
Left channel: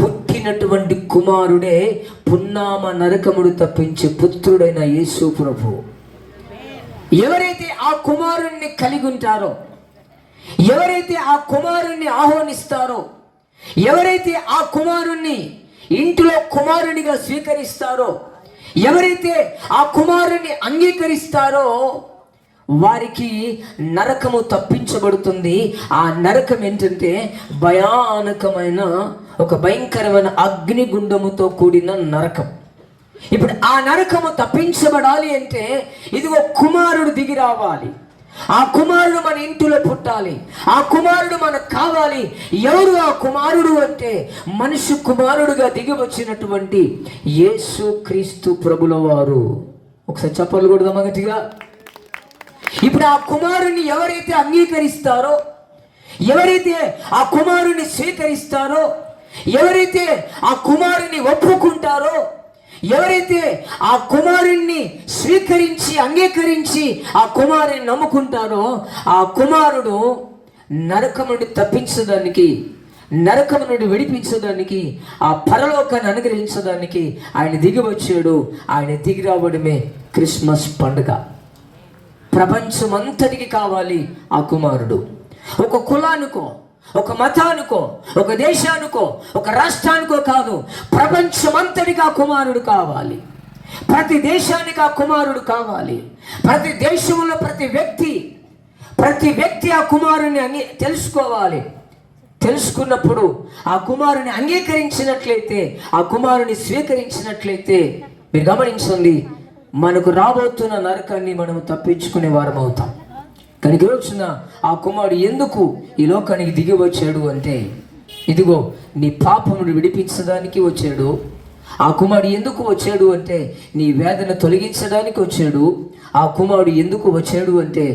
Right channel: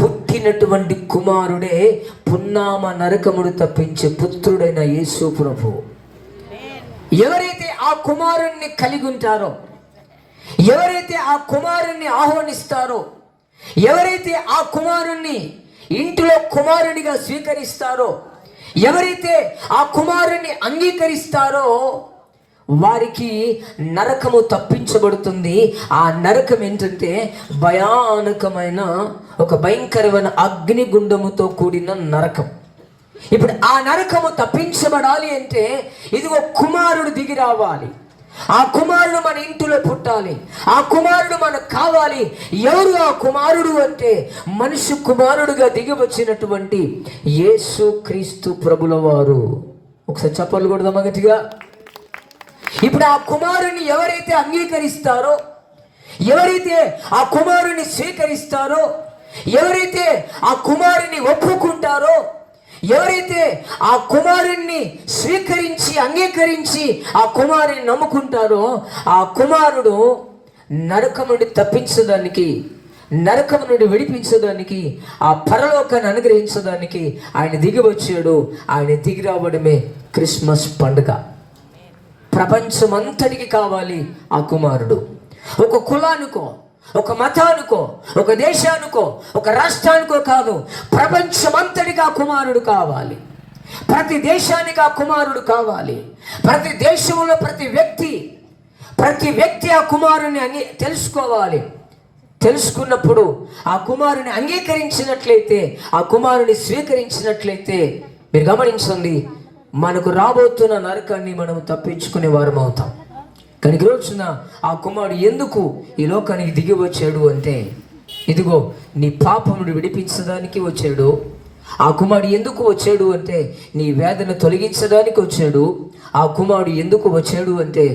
పుట్టినటువంటి కుమారుడే పున్నామ నరకముడు తప్పించే పుత్రుడైన యేసు ప్రభు. ఎవరైతే ఆ కుమారుణ్ణి కలిగి ఉంటారో, ఎవరైతే ఆ కుమారుణ్ణి ఆహ్వానిస్తారో, ఎవరైతే ఆ కుమారుణ్ణి ఇంటిలో కుమారునిగా స్వీకరిస్తారో, ఎవరైతే ఆ కుమారుణ్ణి అంగీకరిస్తారో, వారికి నరకము తప్పించబడుతుంది. ఆ నరకం ఏంటంటే భయానకమైన ఒక భయంకరమైన అగ్నిగుండముతో కూడిన నరకం. ఇప్పుడు ఆ నరకము తప్పించబడాలి అంటే ఇదిగో కుమారుడు దిగి రావాలి. ఆ కుమారుడు మన ఇంటిలో పుట్టాలి. ఆ కుమారుడు మనకు కావాలి. ఎవరు ఆ కుమారుడు అంటే మనిషి కుమారుడుగా దిగి వచ్చినటువంటి యేసు క్రీస్తు ప్రభుల వారు. ఒకసారి చెప్పలు కూడా గట్టిగా. ఇప్పుడు ఆ కుమారుని ఎవరైతే అంగీకరిస్తారో, ఎవరైతే ఆ కుమారుని స్వీకరిస్తారో, ఎవరైతే ఆ కుమారుని ఒప్పుకుంటారో, ఎవరైతే ఆ కుమారుణ్ణి స్వీకరించి అంగీకరించి ఆ కుమారుని నమ్ముకుంటారో, ఆ కుమారుడు నరకం నుండి తప్పించడానికి, నరకం నుండి విడిపించడానికి, ఆ పరలోకాన్ని అనుగ్రహించడానికి ఆయన దిగి వచ్చాడు. ఆయన దిగి రావడమే క్రిస్మస్ పండుగ. ప్రపంచమంతటికి కావాలి ఆ కుమారుడు. ఒక కులానికో, ఒక మతానికో, ఒక దేశానికో, ఒక రాష్ట్రానికో కాదు, ప్రపంచమంతటికి ఆ కుమారుడు కావాలి. ప్రతి దేశానికి ఆ కుమారుడు కావాలి. ప్రతి దేశంలో ప్రతి వ్యక్తి ఆ కుమారుని తెలుసుకోవాలి. తెలుసుకున్నప్పుడు ఆ కుమారుని అంగీకరించినట్లయితే, ఆ కుమారుని స్వీకరించినట్లయితే, మీరు గమనించండి, మనకు రాబోతున్న నరకాన్ని మనం తప్పించుకునే వారం అవుతాం. కానీ ఈ రోజున ఆ కుమారుడు ఎందుకు ఈ లోకానికి దిగి వచ్చాడు అంటే, ఇదిగో నీ పాపమును విడిపించడానికి వచ్చాడు. ఆ కుమారుడు ఎందుకు వచ్చాడు అంటే నీ వేదన తొలగించడానికి వచ్చాడు. ఆ కుమారుడు ఎందుకు వచ్చాడు అంటే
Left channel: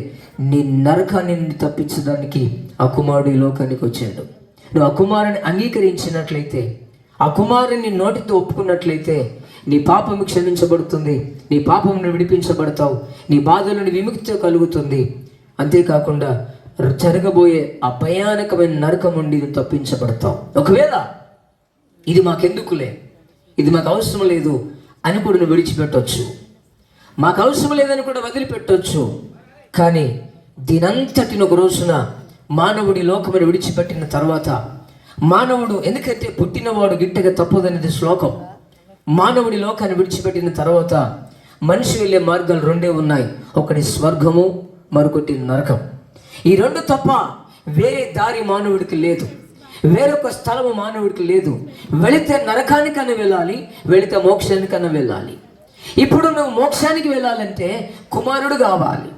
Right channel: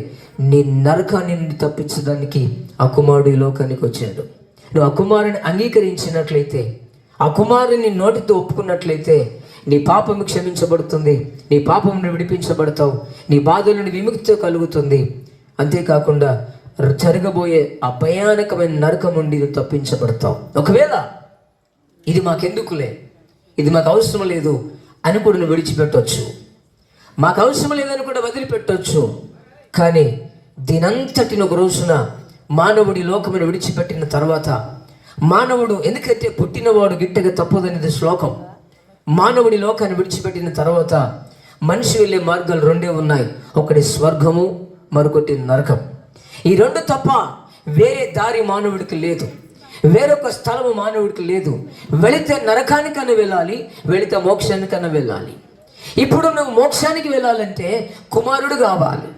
నీ నరకాన్ని తప్పించడానికి ఆ కుమారుడు ఈ లోకానికి వచ్చాడు. నువ్వు ఆ కుమారుని అంగీకరించినట్లయితే, ఆ కుమారుని నోటితో ఒప్పుకున్నట్లయితే నీ పాపము క్షమించబడుతుంది, నీ పాపమును విడిపించబడతావు, నీ బాధల నుండి విముక్తి కలుగుతుంది. అంతేకాకుండా జరగబోయే ఆ భయానకమైన నరకం నుండి నువ్వు తప్పించబడతావు. ఒకవేళ ఇది మాకెందుకులే, ఇది మాకు అవసరం లేదు అని కూడా నువ్వు విడిచిపెట్టవచ్చు, మాకు అవసరం లేదని కూడా వదిలిపెట్టవచ్చు. కానీ దీనంతటిని ఒక రోజున మానవుడి లోకమును విడిచిపెట్టిన తర్వాత, మానవుడు ఎందుకైతే పుట్టినవాడు గిట్టగా తప్పదనేది శ్లోకం. మానవుడి లోకాన్ని విడిచిపెట్టిన తర్వాత మనిషి వెళ్ళే మార్గాలు రెండే ఉన్నాయి. ఒకటి స్వర్గము, మరొకటి నరకం. ఈ రెండు తప్ప వేరే దారి మానవుడికి లేదు, వేరొక స్థలము మానవుడికి లేదు. వెళితే నరకానికన్నా వెళ్ళాలి, వెళితే మోక్షానికన్నా వెళ్ళాలి. ఇప్పుడు నువ్వు మోక్షానికి వెళ్ళాలంటే కుమారుడు కావాలి.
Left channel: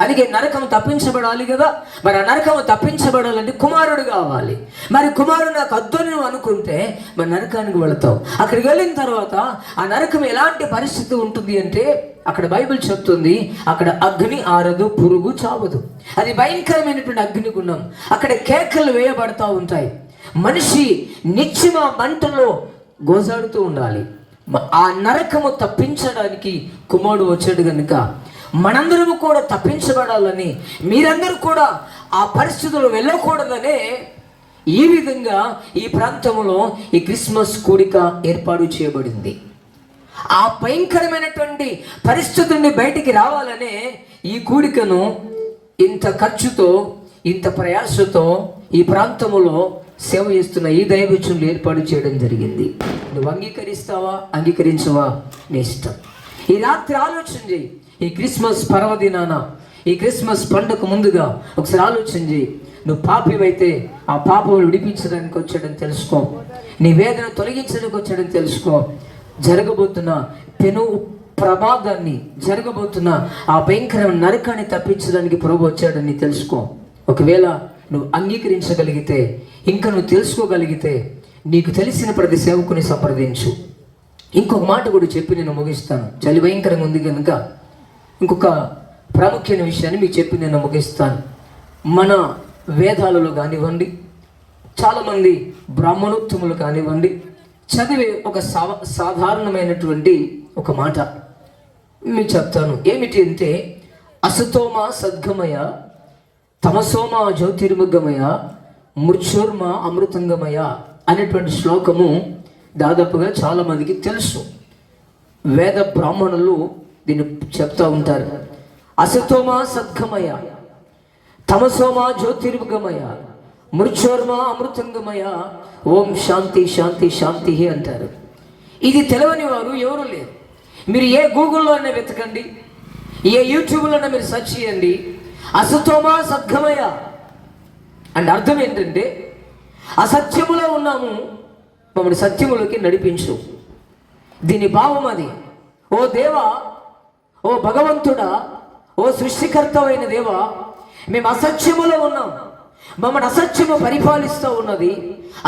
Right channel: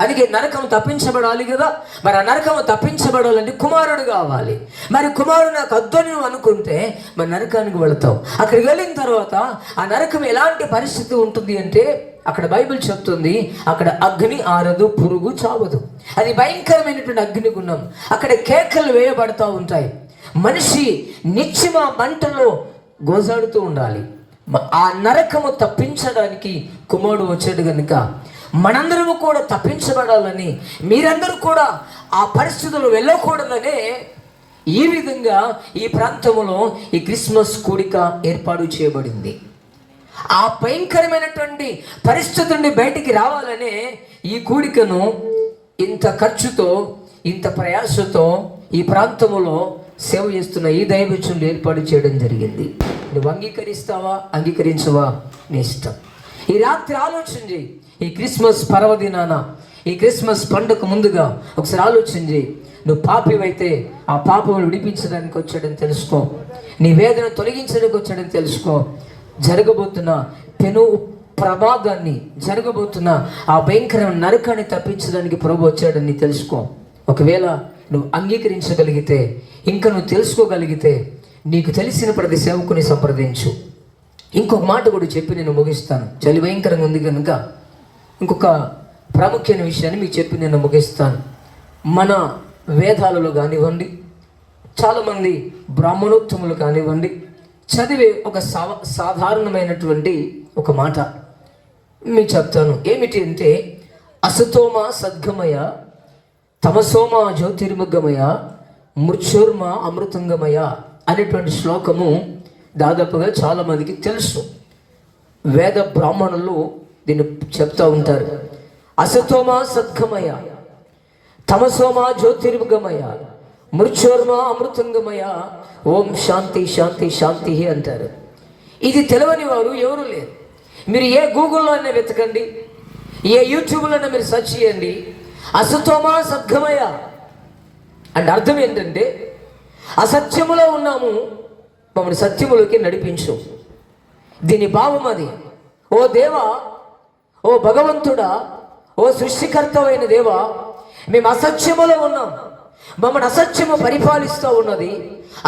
అందుకే నరకం తప్పించబడాలి కదా. మరి ఆ నరకం తప్పించబడాలంటే కుమారుడు కావాలి. మరి కుమారుడు నాకు అద్దని నువ్వు అనుకుంటే మరి నరకానికి వెళతావు. అక్కడికి వెళ్ళిన తర్వాత ఆ నరకం ఎలాంటి పరిస్థితి ఉంటుంది అంటే, అక్కడ బైబిల్ చెప్తుంది, అక్కడ అగ్ని ఆరదు, పురుగు చావదు. అది భయంకరమైనటువంటి అగ్నిగుండం. అక్కడ కేకలు వేయబడతా ఉంటాయి. మనిషి నిత్యం ఆ మంటలో గోజాడుతూ ఉండాలి. ఆ నరకము తప్పించడానికి కుమారుడు వచ్చాడు కనుక మనందరము కూడా తప్పించబడాలని, మీరందరూ కూడా ఆ పరిస్థితుల్లో వెళ్ళకూడదనే ఈ విధంగా ఈ ప్రాంతంలో ఈ క్రిస్మస్ కూడిక ఏర్పాటు చేయబడింది. ఆ భయంకరమైనటువంటి పరిస్థితుల నుండి బయటికి రావాలనే ఈ కూడికను ఇంత ఖర్చుతో, ఇంత ప్రయాసతో ఈ ప్రాంతంలో సేవ చేస్తున్న ఈ దైవజనులు ఏర్పాటు చేయడం జరిగింది. నువ్వు అంగీకరిస్తావా, అంగీకరించవా నీ ఇష్టం. ఈ రాత్రి ఆలోచన చేయి. ఈ క్రిస్మస్ పర్వదినాన, ఈ క్రిస్మస్ పండుగ ముందుగా ఒకసారి ఆలోచన చేయి. నువ్వు పాపివైతే ఆ పాపములు విడిపించడానికి వచ్చాడని తెలుసుకో. నీ వేదన తొలగించడానికి వచ్చాడని తెలుసుకో. జరగబోతున్న పెను ప్రమాదాన్ని, జరగబోతున్న ఆ భయంకరమైన నరకాన్ని తప్పించడానికి ప్రభు వచ్చాడని తెలుసుకో. ఒకవేళ నువ్వు అంగీకరించగలిగితే, ఇంకా నువ్వు తెలుసుకోగలిగితే, నీకు తెలిసిన ప్రతి సేవకుని సంప్రదించు. ఇంకొక మాట కూడా చెప్పి నేను ముగిస్తాను. చలి భయంకరంగా ఉంది కనుక ఇంకొక ప్రాముఖ్యమైన విషయాన్ని మీకు చెప్పి నేను ముగిస్తాను. మన వేదాలలో కానివ్వండి, చాలామంది బ్రాహ్మణోత్తములు కానివ్వండి, చదివే ఒక సాధారణమైనటువంటి ఒక మాట మీకు చెప్తాను. ఏమిటి అంటే, అసతోమ సద్గమయ, తమసోమ జ్యోతిర్ముగమయ, మృత్యోర్మ అమృతంగమయ అనేటువంటి శ్లోకము దాదాపుగా చాలామందికి తెలుసు. వేద బ్రాహ్మణులు దీన్ని చెప్తూ ఉంటారు. అసతోమ సద్గమయ, తమసోమ జ్యోతిర్ముగమయ, మృత్యోర్మ అమృతంగమయ, ఓం శాంతి శాంతి శాంతి అంటారు. ఇది తెలవని వారు ఎవరు లేరు. మీరు ఏ గూగుల్లో అయినా వెతకండి, ఏ యూట్యూబ్లోనే మీరు సెర్చ్ చేయండి, అసతోమా సద్గమయ అంటే అర్థం ఏంటంటే అసత్యములో ఉన్నాము, మమ్మల్ని సత్యములోకి నడిపించు. దీని భావం అది. ఓ దేవా, ఓ భగవంతుడా, ఓ సృష్టికర్తమైన దేవా, మేము అసత్యములో ఉన్నాం, మమ్మల్ని అసత్యము పరిపాలిస్తూ ఉన్నది,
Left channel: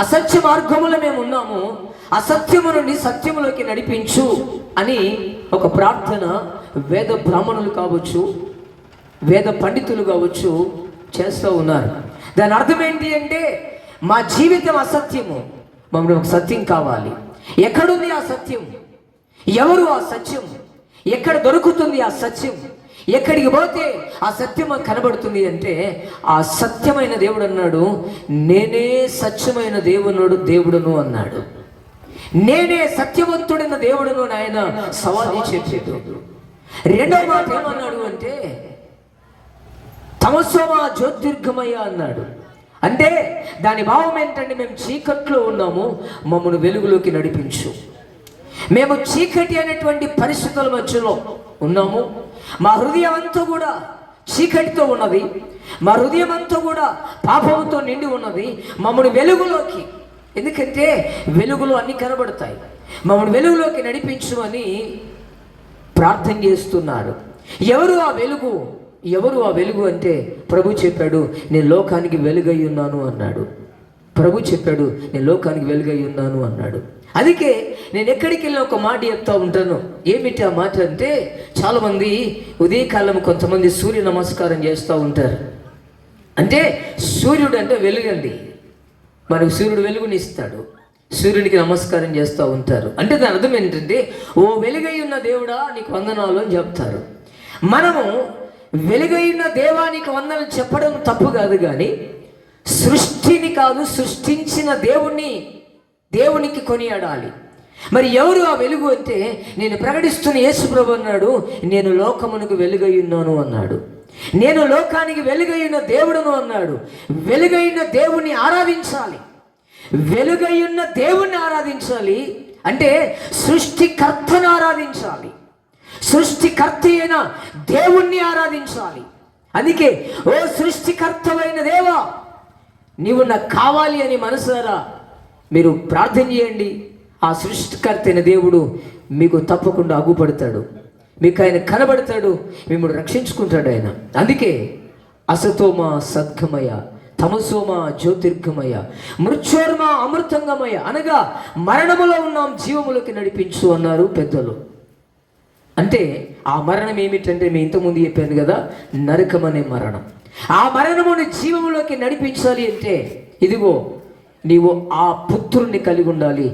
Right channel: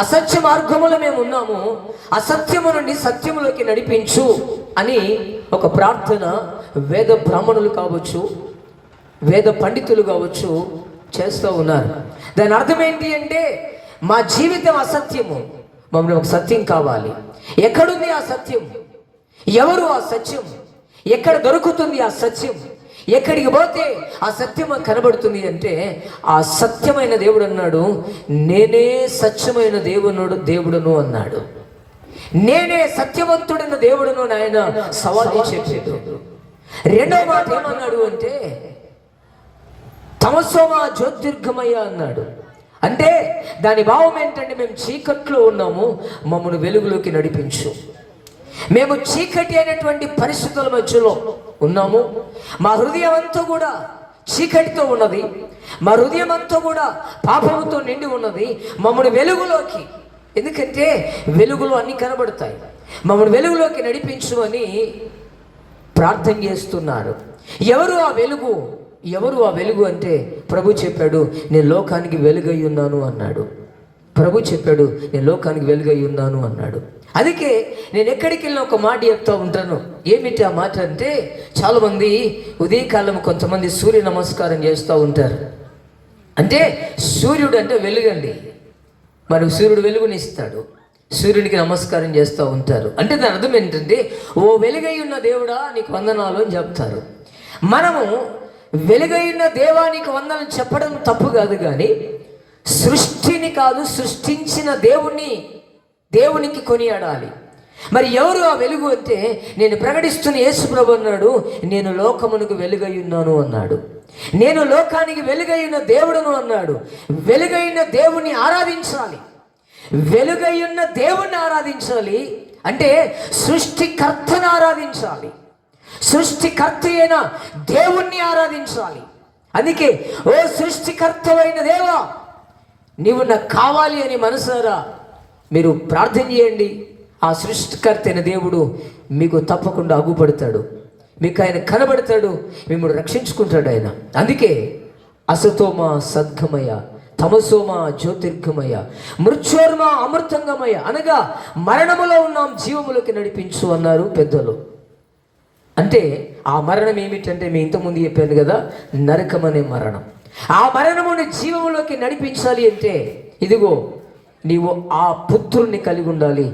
అసత్య మార్గములో మేము ఉన్నాము, అసత్యము నుండి సత్యములోకి నడిపించు అని ఒక ప్రార్థన వేద బ్రాహ్మణులు కావచ్చు, వేద పండితులు కావచ్చు చేస్తూ ఉన్నారు. దాని అర్థం ఏంటి అంటే మా జీవితం అసత్యము, మమ్మల్ని ఒక సత్యం కావాలి. ఎక్కడుంది ఆ సత్యం? ఎవరు ఆ సత్యం? ఎక్కడ దొరుకుతుంది ఆ సత్యం? ఎక్కడికి పోతే ఆ సత్యం కనబడుతుంది అంటే ఆ సత్యమైన దేవుడు అన్నాడు, నేనే సత్యమైన దేవుడును అన్నాడు. నేనే సత్యవంతుడైన దేవుడును ఆయన సవాది చెప్పాడు. రెండో మాట ఏమన్నాడు అంటే తమసోమా జ్యోతిర్గమయ్య అన్నాడు. అంటే దాని భావం ఏంటంటే మేము చీకట్లో ఉన్నాము, మమ్మల్ని వెలుగులోకి నడిపించు. మేము చీకటి అనేటువంటి పరిస్థితుల మధ్యలో ఉన్నాము, మా హృదయం అంతా కూడా చీకటితో ఉన్నది, మా హృదయం అంతా కూడా పాపముతో నిండి ఉన్నది, మమ్మల్ని వెలుగులోకి, ఎందుకంటే వెలుగులో అన్ని కనబడతాయి, మమ్మల్ని వెలుగులోకి నడిపించు అని ప్రార్థన చేస్తున్నారు. ఎవరు ఆ వెలుగు? ఎవరు ఆ వెలుగు అంటే ప్రభు చెప్పాడు, నేను లోకానికి వెలుగై ఉన్నాను అన్నాడు. ప్రభు చెప్పాడు, నేను లోకానికి వెలుగై ఉన్నాను అన్నాడు. అందుకే నేను ఎక్కడికి వెళ్ళిన ఒక మాట చెప్తా ఉంటాను. ఏమిటి ఆ మాట అంటే, చాలామంది ఉదయకాలం కొంతమంది సూర్య నమస్కారం చేస్తూ ఉంటారు. అంటే సూర్యుడు అంటే వెలుగండి, మనకు సూర్యుడు వెలుగునిస్తాడు, సూర్యుడికి నమస్కారం చేస్తూ ఉంటారు. అంటే దాని అర్థం ఏంటంటే, ఓ వెలుగై ఉన్న దేవుడా నీకు వందనాలు అని చెప్తారు. మనము వెలుగైన దేవానికి వందనాలు చెప్పడం తప్పు కాదు, కానీ సృష్టిని కాదు, సృష్టించిన దేవునికి కొనియాడాలి. మరి ఎవరు ఆ వెలుగు అంటే నేను ప్రకటిస్తున్న యేసు ప్రభు అన్నాడు, నేను లోకమునకు వెలుగై ఉన్నాను అన్నాడు. నేను లోకానికి వెలుగై ఉన్న దేవుడును అన్నాడు. వెలుగైన దేవుణ్ణి ఆరాధించాలి, వెలుగై ఉన్న దేవుణ్ణి ఆరాధించాలి అంటే సృష్టికర్తను ఆరాధించాలి, సృష్టికర్త అయిన దేవుణ్ణి ఆరాధించాలి. అందుకే ఓ సృష్టికర్తవైన దేవా నీవు నాకు కావాలి అని మనసారా మీరు ప్రార్థన చేయండి. ఆ సృష్టికర్త అయిన దేవుడు మీకు తప్పకుండా అగుపడతాడు, మీకు ఆయన కనబడతాడు, మిమ్మల్ని రక్షించుకుంటాడు ఆయన. అందుకే అసతోమ సద్గమయ, తమసోమ జ్యోతిర్గమయ, మృత్యోర్మ అమృతంగమయ అనగా మరణములో ఉన్నాం జీవములోకి నడిపించు అన్నారు పెద్దలు. అంటే ఆ మరణం ఏమిటంటే మీ ఇంతకుముందు చెప్పాను కదా, నరకం అనే మరణం. ఆ మరణముని జీవములోకి నడిపించాలి అంటే ఇదిగో నీవు ఆ పుత్రుణ్ణి కలిగి ఉండాలి.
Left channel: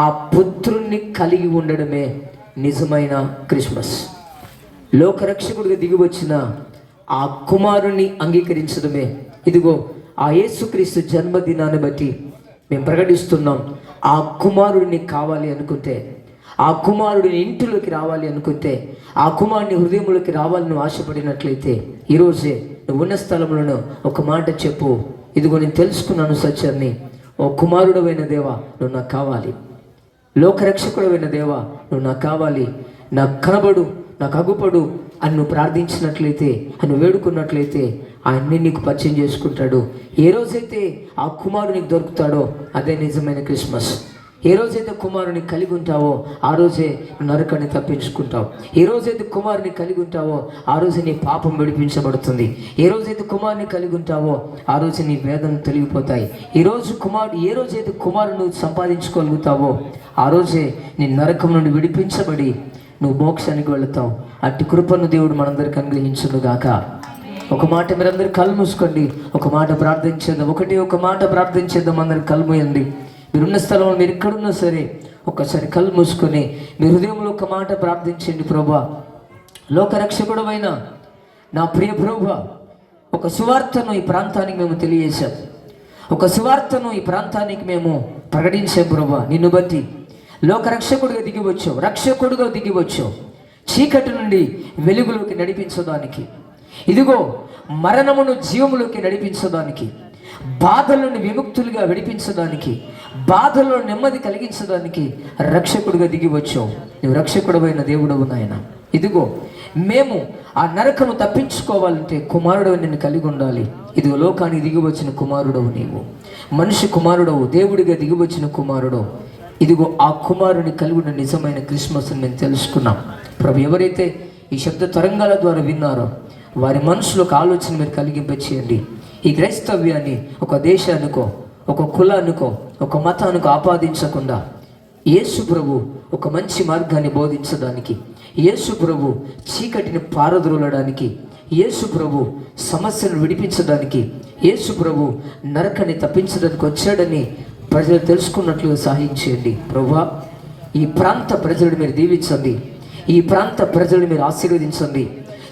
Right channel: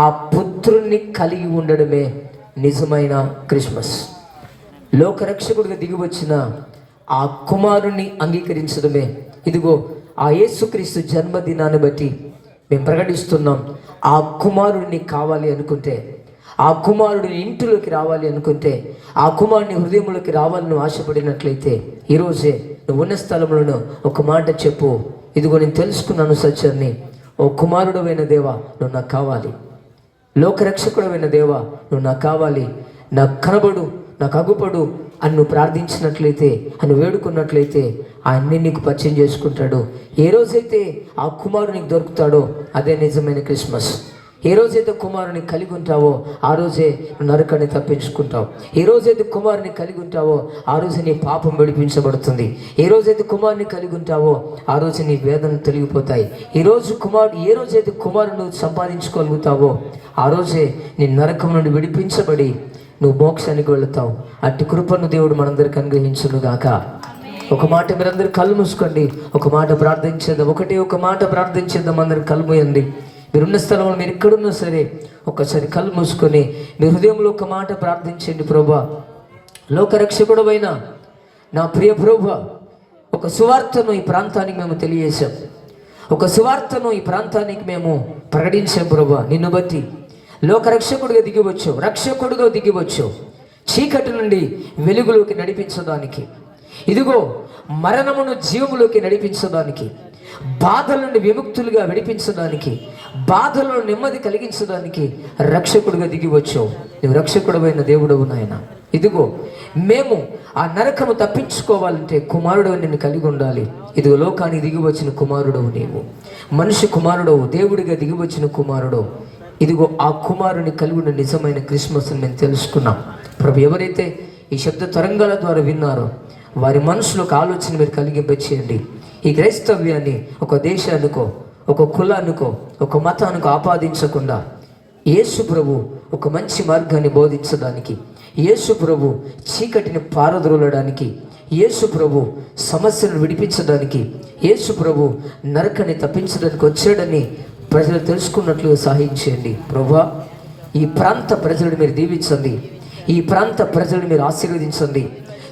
ఆ పుత్రుణ్ణి కలిగి ఉండడమే నిజమైన క్రిస్మస్. లోకరక్షకుడిగా దిగివచ్చిన ఆ కుమారుణ్ణి అంగీకరించడమే ఇదిగో ఆ యేసుక్రీస్తు జన్మదినాన్ని బట్టి మేము ప్రకటిస్తున్నాం. ఆ కుమారుడిని కావాలి అనుకుంటే, ఆ కుమారుడిని ఇంటిలోకి రావాలి అనుకుంటే, ఆ కుమారుని హృదయంలోకి రావాలని ఆశపడినట్లయితే ఈరోజే నువ్వు ఉన్న స్థలంలో ఒక మాట చెప్పు, ఇదిగో నేను తెలుసుకున్నాను సత్యాన్ని, ఓ కుమారుడమైన దేవా నువ్వు నాకు కావాలి, లోకరక్షకుడమైన దేవా నువ్వు నాకు కావాలి, నాకు కనబడు, నాకు అగుపడు అని నువ్వు ప్రార్థించినట్లయితే, అని వేడుకున్నట్లయితే ఆయన్ని నీకు పరిచయం చేసుకుంటాడు. ఏ రోజైతే ఆ కుమారునికి దొరుకుతాడో అదే నిజమైన క్రిస్మస్. ఏ రోజైతే కుమారుని కలిగి ఉంటావో ఆ రోజే నరకాన్ని తప్పించుకుంటావు. ఏ రోజైతే కుమారుని కలిగి ఉంటావో ఆ రోజే నీ పాపం విడిపించబడుతుంది. ఏ రోజైతే కుమారుని కలిగి ఉంటావో ఆ రోజు నీ వేదనలు తొలగిపోతాయి. ఏ రోజైతే కుమారుని సంపాదించుకోగలుగుతావో ఆ రోజే నీ నరకం నుండి విడిపించబడి నువ్వు మోక్షానికి వెళుతావు. అట్టి కృపను దేవుడు మనందరికి అనుగ్రహించును గాక. ఒక మాట మీరందరూ కళ్ళు మూసుకోండి, ఒక మాట ప్రార్థించేద్దాం. ఒక మాట ప్రార్థించేద్దాం. అందరు కళ్ళు మూయండి. మీరున్న స్థలంలో మీరు ఎక్కడున్నా సరే ఒక్కసారి కళ్ళు మూసుకొని మీ హృదయంలో ఒక మాట ప్రార్థించండి. ప్రభువా, లోకరక్షకుడవైన నా ప్రియ ప్రభువా, ఒక సువార్తను ఈ ప్రాంతానికి మేము తెలియజేశాం, ఒక సువార్తను ఈ ప్రాంతానికి మేము ప్రకటించాం. ప్రభువా, నిన్ను బట్టి లోకరక్షకుడిగా దిగివచ్చావు, రక్షకుడిగా దిగివచ్చావు, చీకటి నుండి వెలుగులోకి నడిపించడానికి, ఇదిగో మరణమును జీవములోకి నడిపించడానికి, బాధల నుండి విముక్తులుగా విడిపించడానికి, బాధల్లో నెమ్మది కలిగించడానికి రక్షకుడిగా దిగి వచ్చావు. నువ్వు రక్షకుడమైన దేవుడవు నాయన. ఇదిగో మేము ఆ నరకము తప్పించుకోవాలంటే కుమారుడు నిన్ను కలిగి ఉండాలి. ఇదిగో లోకానికి దిగి వచ్చిన కుమారుడవు నీవు, మనిషి కుమారుడవు, దేవుడిగా దిగి వచ్చిన కుమారుడవు. ఇదిగో ఆ కుమారుని కలిగి ఉన్న నిజమైన క్రిస్మస్ని మేము తెలుసుకున్నాం. ప్రభు, ఎవరైతే ఈ శబ్ద తరంగాల ద్వారా విన్నారో వారి మనసులో ఒక ఆలోచన మీరు కలిగింపచేయండి. ఈ క్రైస్తవ్యాన్ని ఒక దేశానికో, ఒక కులానికో, ఒక మతానికో ఆపాదించకుండా యేసు ప్రభు ఒక మంచి మార్గాన్ని బోధించడానికి, యేసు ప్రభు చీకటిని పారద్రోలడానికి, యేసు ప్రభు సమస్యను విడిపించడానికి, యేసు ప్రభు నరకాన్ని తప్పించడానికి వచ్చాడని ప్రజలు తెలుసుకున్నట్లుగా సహాయం చేయండి. ప్రభువా, ఈ ప్రాంత ప్రజలను మీరు దీవించండి, ఈ ప్రాంత ప్రజలను మీరు ఆశీర్వదించండి,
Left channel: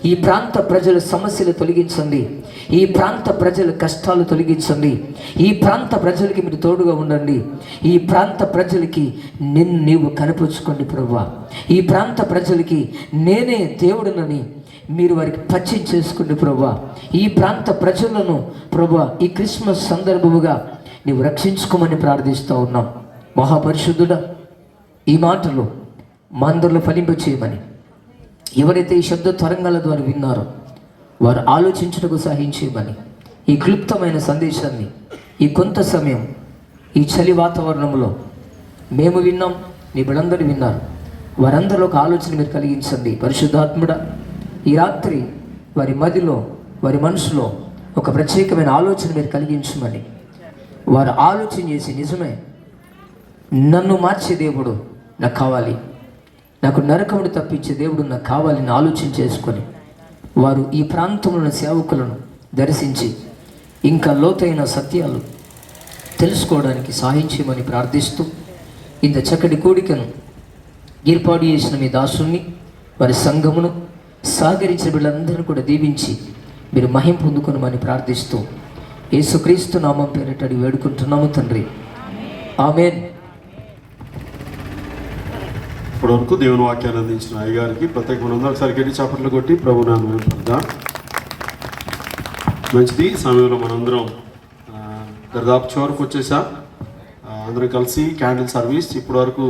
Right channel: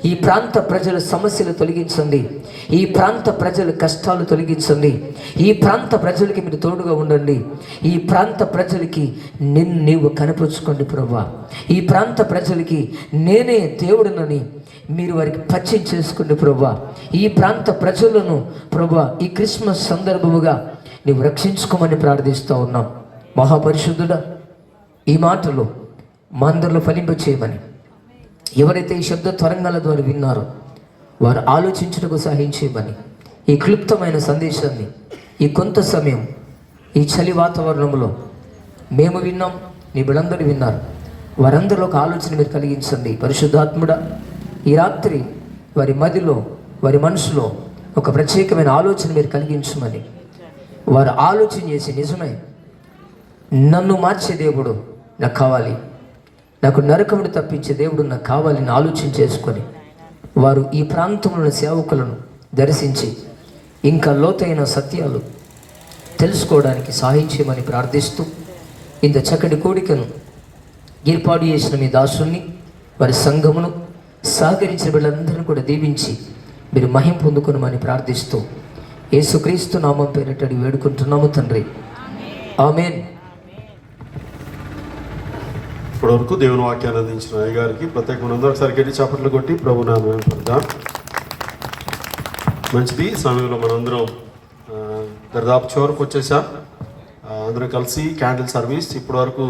ఈ ప్రాంత ప్రజల సమస్యలు తొలగించండి, ఈ ప్రాంత ప్రజల కష్టాలు తొలగించండి, ఈ ప్రాంత ప్రజలకి మీరు తోడుగా ఉండండి, ఈ ప్రాంత ప్రజలకి నీవు కనిపించుకోండి ప్రభువా. ఈ ప్రాంత ప్రజలకి నేనే దేవుడునని మీరు వారికి పరిచయం చేసుకోండి ప్రభువా. ఈ ప్రాంత ప్రజలను ప్రభువా ఈ క్రిస్మస్ సందర్భముగా నీవు రక్షించుకోమని ప్రార్థిస్తూ ఉన్నాం. మహాపరిశుద్ధుడా, ఈ మాటలు మా అందరిలో ఫలింపచేయమని, ఎవరైతే ఈ శబ్ద తరంగాల ద్వారా విన్నారో వారు ఆలోచించడానికి సహాయం చేయమని, ఈ క్లుప్తమైన సందేశాన్ని ఈ కొంత సమయం ఈ చలి వాతావరణంలో మేము విన్నాం, నీ బిడ్డలందరూ విన్నారు, వారందరిలో ఒక ఆలోచన మీరు కలిగించండి. పరిశుద్ధాత్ముడా, ఈ రాత్రి వారి మదిలో, వారి మనసులో ఒక ప్రత్యేకమైన ఆలోచన మీరు కలిగించమని, వారు ఆలోచన చేసి నిజమే నన్ను మార్చే దేవుడు నాకు కావాలి, నాకు నరకమును తప్పించే దేవుడు నాకు కావాలని ఆలోచన చేసుకొని వారు ఈ ప్రాంతంలో సేవకులను దర్శించి ఇంకా లోతైన సత్యాలు తెలుసుకోవడానికి సహాయం చేయమని ప్రార్థిస్తూ, ఇంత చక్కటి కోడికను ఏర్పాటు చేసిన మీ దాసుని, వారి సంఘమును సహకరించిన వీళ్ళందరినీ కూడా దీవించి మీరు మహిమ పొందుకునమని ప్రార్థిస్తూ యేసుక్రీస్తు నామం పేరిట అడిగి వేడుకుంటున్నాము తండ్రి, ఆమేన్. ఇప్పటివరకు దేవుని వాక్యాన్ని అందించిన అయ్యగారికి ప్రత్యేకమైన అందరూ ఒకసారి గట్టి చప్పట్లు కొట్టి ప్రభు నామమున పడదాం. మంచిది. సమయంలో మనందరం దరిదాపు చివరకు వచ్చేసాం. అందరం కలిసి క్యాండిల్ సర్వీస్. ఇప్పటివరకు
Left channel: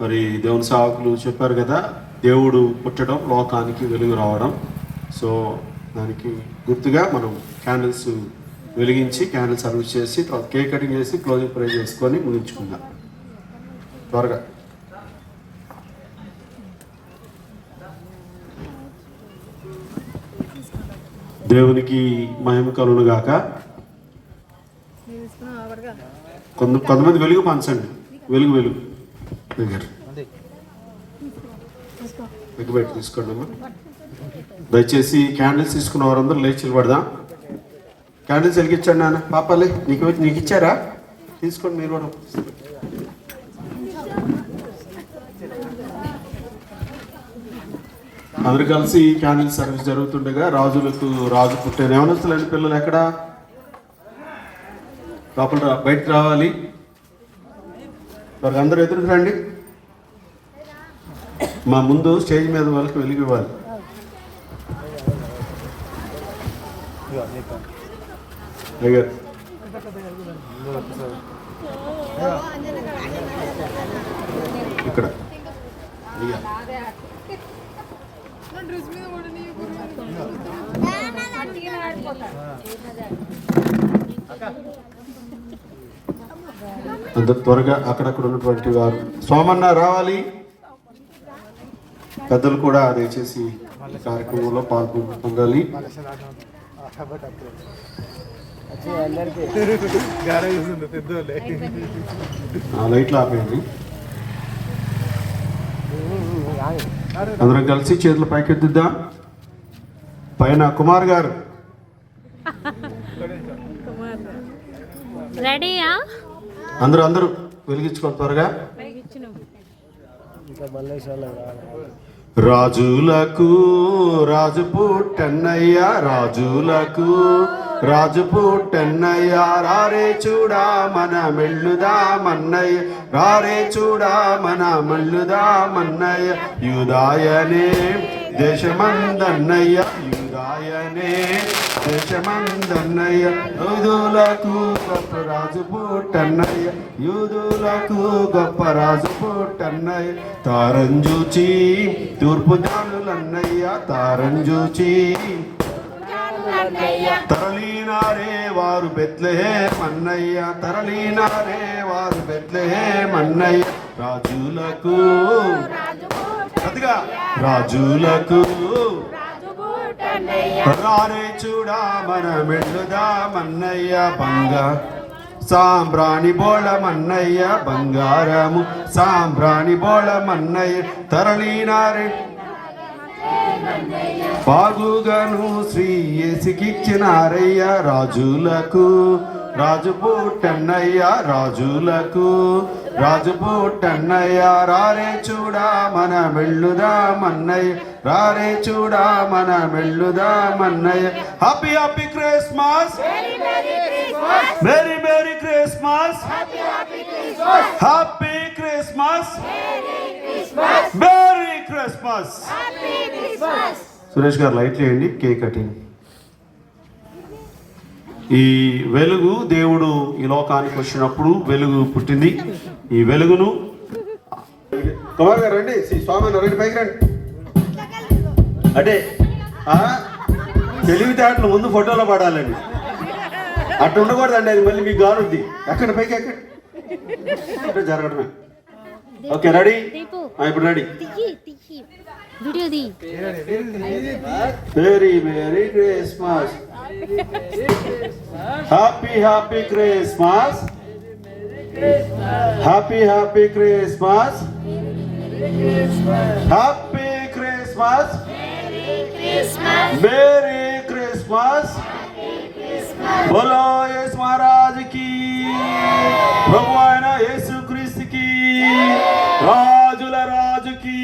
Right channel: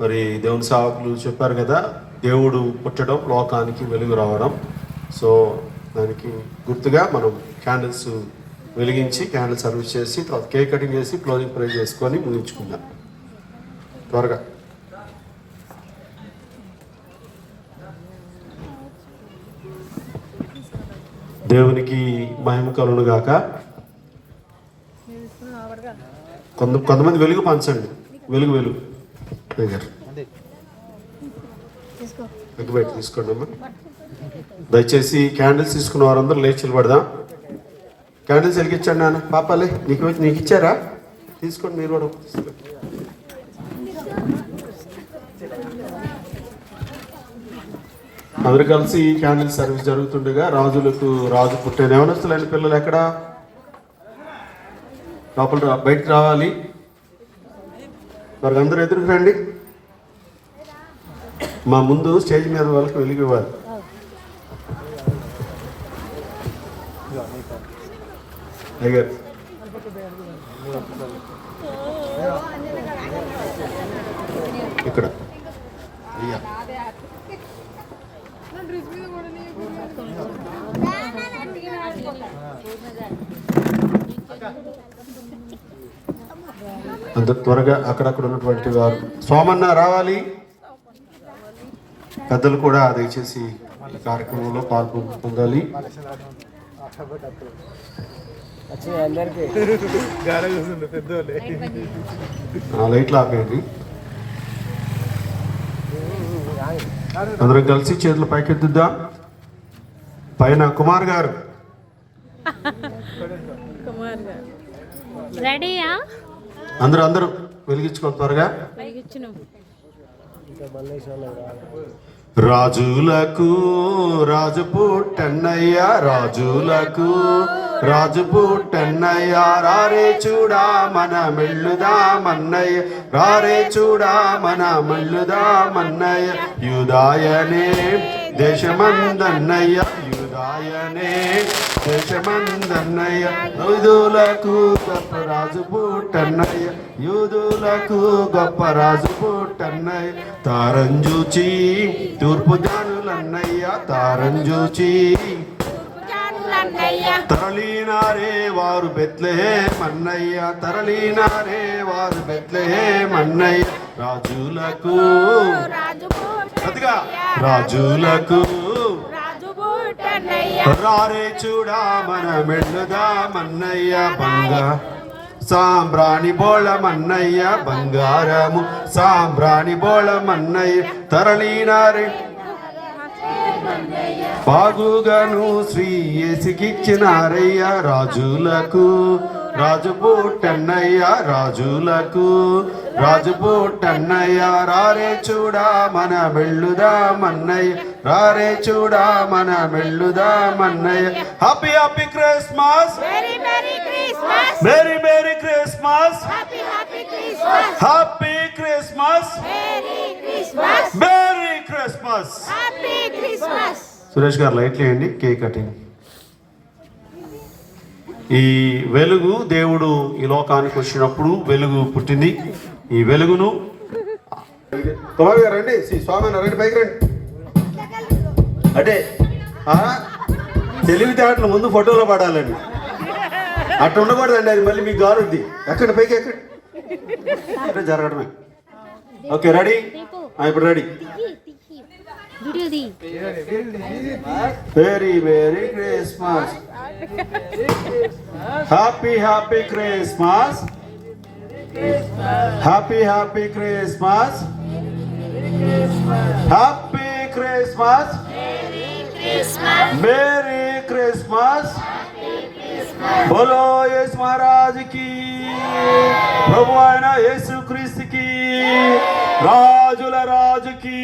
మరి దేవుని సేవకులు చెప్పారు కదా, దేవుడు పుట్టడం, లోకానికి వెలుగు రావడం. సో దానికి గుర్తుగా మనం క్యాండిల్స్ వెలిగించి క్యాండిల్ సర్వీస్ చేసి తర్వాత కేక్ కటింగ్ చేసి క్లోజింగ్ ప్రే చేసుకొని ముగించుకుందాం త్వరగా. దేవునికి మహిమ కలుగును గాక. కొంతమంది వెలుగు పంచండి. వెలుగు బయట తీసుకోండి. దయచేసి క్యాండిల్స్ తీసుకున్న వారందరూ లేచి నిలబడదాం. క్యాండిల్స్ వెలిగించండి నాన్న. పాపాలి నీకు ఇచ్చారా? తీసుకోండి మీరు కూడా. అందరు కలిసి క్యాండిల్ సర్వీస్ జరుగుతుండగా రాజులకు రాజు పుట్టిన యవనస్తులైన పిల్లలు ఎక్కడ లోపల బయటకు రావాలి. మరి అందరూ ఎదురు రండి. మా ముందు స్టేజ్ మీద వాళ్ళకి వెలిగి ఇవ్వాలి. అయ్యారు ఇక్కడ అందరు త్వరగా అక్కడక్కడ ఉన్నటువంటి వారు సోమన్న రావాలి. పెద్దలు కూడా దయచేసి కార్యక్రమంలో పాల్గొనాలి. లైట్లు ఆపేయండి. అందరం కలిసి చేతులు పైకెత్తుద్దాం. పైన కుమార్ గారు రెడీయా? అందరూ వెలిగించుకోండి త్వరగా. రాజులకు రాజు పుట్టన్నయ్యా, రాజులకు రాజు పుట్టన్నయ్యా, రారే చూడా మన మెళ్ళుదామన్నయ్య, రారే చూడా మన మెళ్ళుదామన్నయ్య, యూదాయనే దేశమందన్నయ్య, యూదాయనే దేశమందన్నయ్య యూదులకు గొప్ప రాజు పుట్టన్నయ్య యూదులకు గొప్ప రాజు పుట్టన్నయ్య తారంజూచి తూర్పు జానులన్నయ్య తారంజూచి తరలినారే వారు బెత్లెహేం అన్నయ్య తరలినారే వారు బెత్లెహేం అన్నయ్య రాజులకు రాజులకు రారే చూడా మన వెళ్ళుదామన్నయ్య సాంబ్రాణి బోళమన్నయ్య బంగారము సాంబ్రాణి బోళమన్నయ్య తరలినారే బాగుగాను శ్రీ యేసుకిచ్చినారయ్య రాజులకు రాజు పుట్టన్నయ్య రాజులకు రాజు పుట్టన్నయ్య రారే చూడా మన వెళ్ళుదామన్నయ్య రారే చూడా మన వెళ్ళుదామన్నయ్య happy happy Christmas merry merry Christmas happy Christmas merry Christmas. Suresh గారు లైట్లు వేయండి. Cake cutting. ఈ వెలుగు దేవుడు ఈ లోకానికి వచ్చినప్పుడు వెలుగు పుట్టింది. ఈ వెలుగును కుమార్ గారు రండి, స్వామి రండి, పైకి రండి. అంటే తెలివితేటలు ముందు ఫోటోలో పడాలండి, అట్లా ఉండకూడదండి, అది మళ్ళీ మీకు గారుద్ది. ఎక్కడ పైకి ఎక్కడ జరగడమే. ఓకే రెడీ, ఇప్పుడు ready. Very very Christmas, happy happy Christmas, happy happy Christmas, happy Christmas, merry Christmas. బోలో యేసు మహారాజ్ కి, ప్రభు అయిన యేసు క్రీస్తుకి, రాజుల రాజుకి.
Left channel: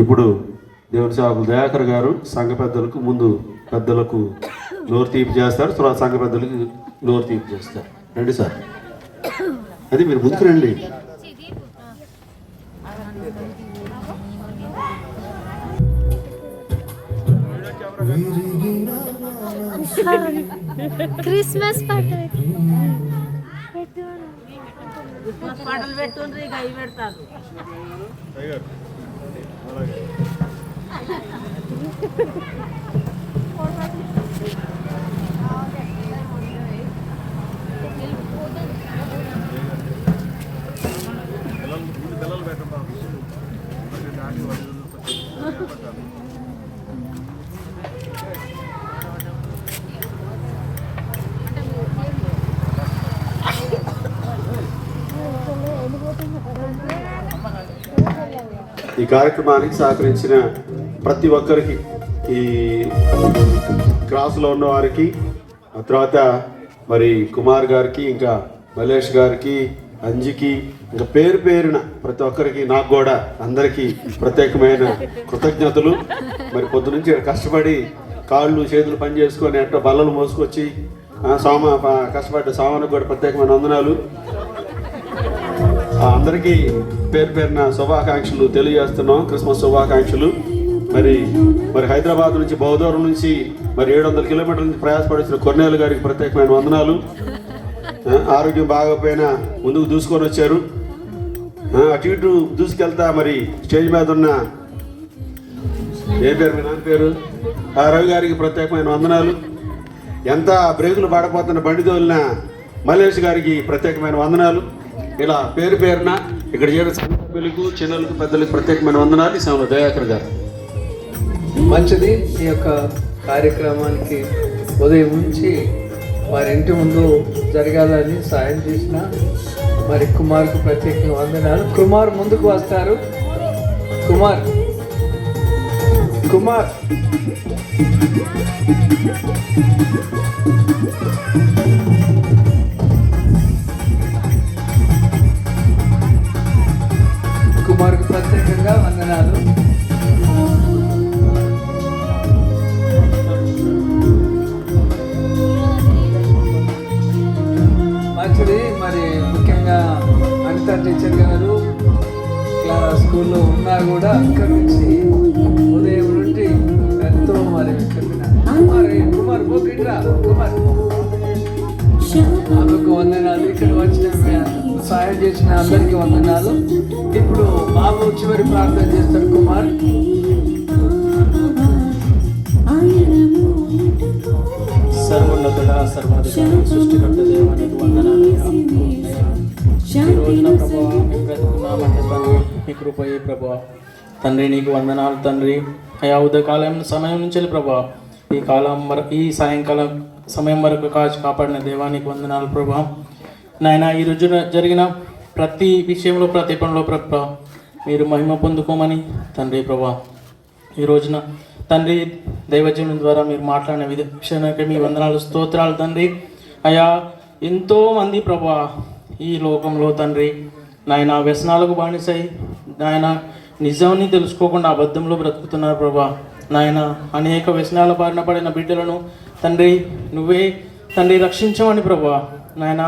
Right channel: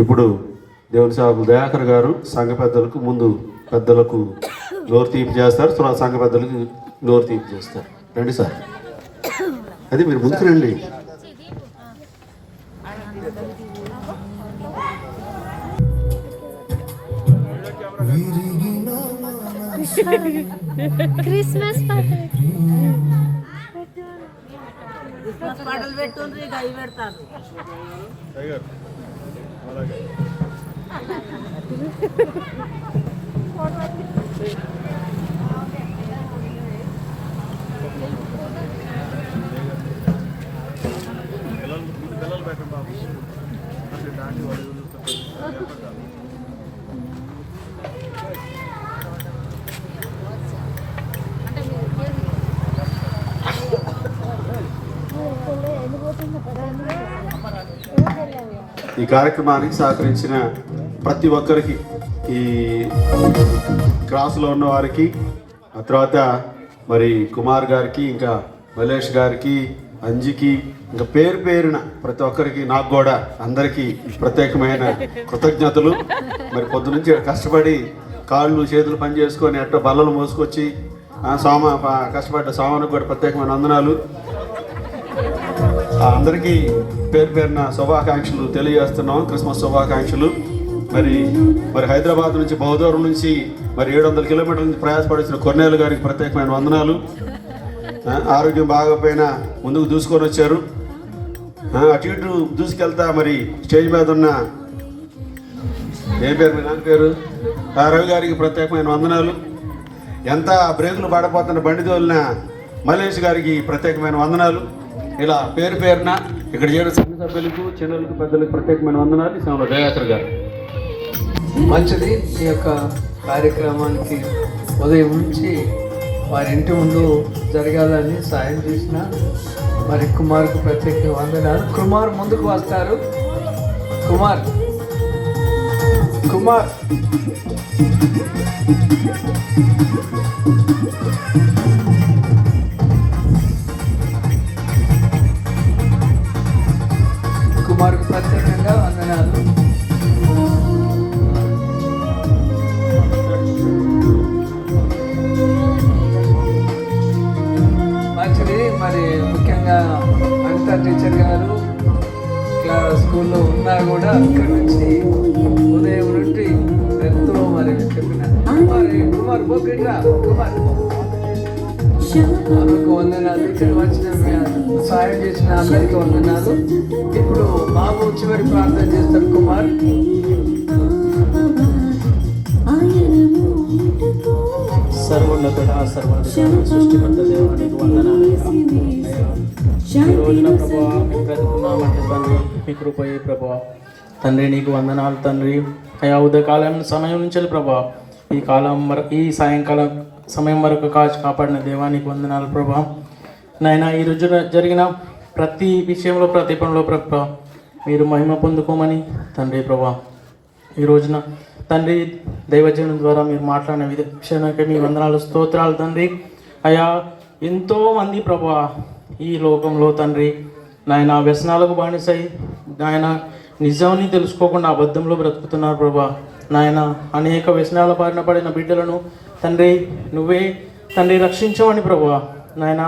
ఇప్పుడు దేవుని సేవకులు దయాకర్ గారు సంఘ పెద్దలకు ముందు పెద్దలకు నోరు తీపి చేస్తారు, తర్వాత సంఘ పెద్దలకు నోరు తీపి చేస్తారు. రండి సార్, అది మీరు ముందుకు రండి. క్రిస్మస్ పాటలు పెట్టుండ్రి, గై పెడతారు. పిల్లలు పెట్టండి బాబు, దాటి వాళ్ళు ఏర్పడతారు. ఈ కార్యక్రమానికి సహకరించిన ప్రతి ఒక్కరికి, ఈ క్లాసులో ఉన్న వారికి, ఆ తర్వాత మరి కుమార్ గారికి, ఇంకా మలేష్ గారికి, అంజికి, ఇంకా పేరు పేరున ప్రతి ఒక్కరికి, నాకు కూడా అందరికీ ప్రత్యేకమైన కృతజ్ఞతలు. మరి పొద్దు నుంచి కష్టపడి కాళ్ళు చేతులు పని చేసుకొని అట్ట బల్లలు మోసుకొచ్చి కష్టపడ్డ సామానికి కూడా ప్రత్యేకమైన వందనాలు. అందరికీ పేరు పేరున శుభాకాంక్షలు తెలియజేస్తున్నాం, క్రిస్మస్ శుభాకాంక్షలు. మరి హైదరాబాద్ నుంచి బహుదూరం నుంచి మరి 700 కిలోమీటర్ల నుంచి ప్రయాసపడుతున్న కొన్నేళ్ళ గారికి ప్రత్యేకమైన వందనాలు. ఆరోగ్యం బాగోపోయినా ముందుకు దూసుకొని వచ్చారు. అటు ఇటు దూసుకెళ్తా మరి స్టేజ్ మీద ఉన్న ఏ పేరు, మీ నాన్న పేరు, రవి గారికి ప్రత్యేకమైన వందనాలు. ఎంత బ్రేకులు పడపోతున్న బండి తోలిన మలేష్ గారికి ప్రత్యేకమైన వందనాలు. ఇలా పేరు పేరున ఇక్కడ చేరిన సభ్యులకు, చిన్నలకు, పెద్దలకు ప్రత్యేకమైన వందనాలు. ఈ సమయంలో దయాకర్ గారు. మంచిది. ఈ యొక్క కార్యక్రమానికి ఉదయం నుంచి వారి ఇంటి ముందు జరగాలని సాయం చేసిన మరి కుమార్కు ప్రత్యేక వందనాలు. కుమార్ ముందుకు వస్తారు. కుమార్ కుమార్కు ప్రత్యేకంగా వందనాలు. మంచిది. మరి ముఖ్యంగా అనిత టీచర్ గారు స్కూల్లో ఉన్నా కూడా అక్కడి నుంచి ఉదయం నుండి ఇట్రా కుమార్. ఆమెకు వందనాలు. ఇక్కడ వచ్చిన సాయం చేసిన అందరికీ వందనాలు. ఇప్పుడు బాబు చివరి ప్రార్థన చేస్తాడు కుమార్. సర్వోన్నతుడ సర్వాధికారి సృష్టికర్త దేవానికి వందనాలయ్యా. ఈ రోజున ప్రభా మేము బ్రతుకున్నామంటే తండ్రి మీ కృపయే ప్రభా. తండ్రి నీకు వందనాలు తండ్రి. అయా ఉదయకాలం సమయం నుంచి ప్రభా ఈ సాయంకాలం సమయం వరకు కాపాడిన దేవానికి వందనాలు ప్రభా. నాయన ఈ రోజు జరిగిన ప్రతి విషయంలో ప్రతి పనిలో ప్రభా మీరు మహిమ పొందుకోమని తండ్రి ప్రభా. ఈ రోజున తండ్రి దైవజనం ద్వారా మీరు మాట్లాడిన విషయానికి మీ వందనాలు స్తోత్రాలు తండ్రి. అయా ఎంతోమంది ప్రభా ఈ లోకంలో తండ్రి నాయన వ్యసనాలకు బానిసై నాయన నిజాన్ని తెలుసుకోకుండా అబద్ధంలో బ్రతుకుతున్నారు ప్రభా. నాయన అనేక వ్యసనాల బారిన పడిన బిడ్డలను తండ్రి నువ్వే తండ్రి రక్షించమని ప్రభా. నాయన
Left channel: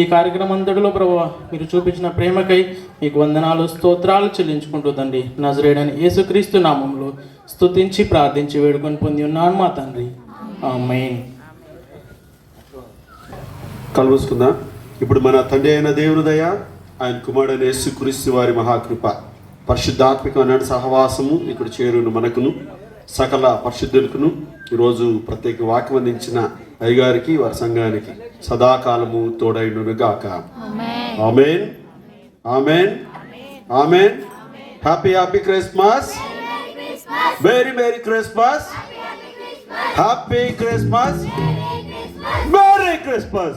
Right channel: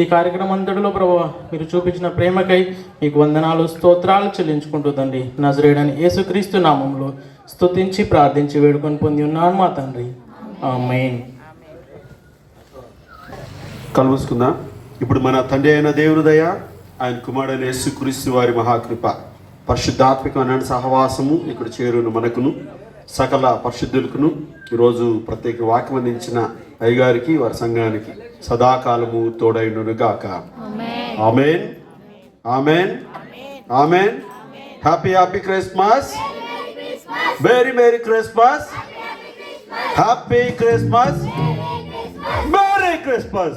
ఈ కార్యక్రమం అంతటిలో ప్రభా మీరు చూపించిన ప్రేమకై మీకు వందనాలు స్తోత్రాలు చెల్లించుకుంటూ తండ్రి నజరేయుడైన యేసుక్రీస్తు నామంలో స్తుతించి ప్రార్థించి వేడుకొని పొంది ఉన్నాను మా తండ్రి. ఆమేన్. కలుసుకుందాం. ఇప్పుడు మన తండ్రి అయిన దేవుని దయ, ఆయన కుమారుడైన యేసుక్రీస్తు వారి మహాకృప, పరిశుద్ధాత్మకమైన సహవాసము ఇక్కడ చేరును మనకును సకల పరిశుద్ధులకును ఈరోజు ప్రత్యేక వాక్యం అందించిన అయ్యగారికి వారి సంఘానికి సదాకాలము తోడైనను గాక. ఆమేన్ ఆమేన్ ఆమేన్. Happy Christmas. Merry Christmas. Happy Christmas. Merry Christmas.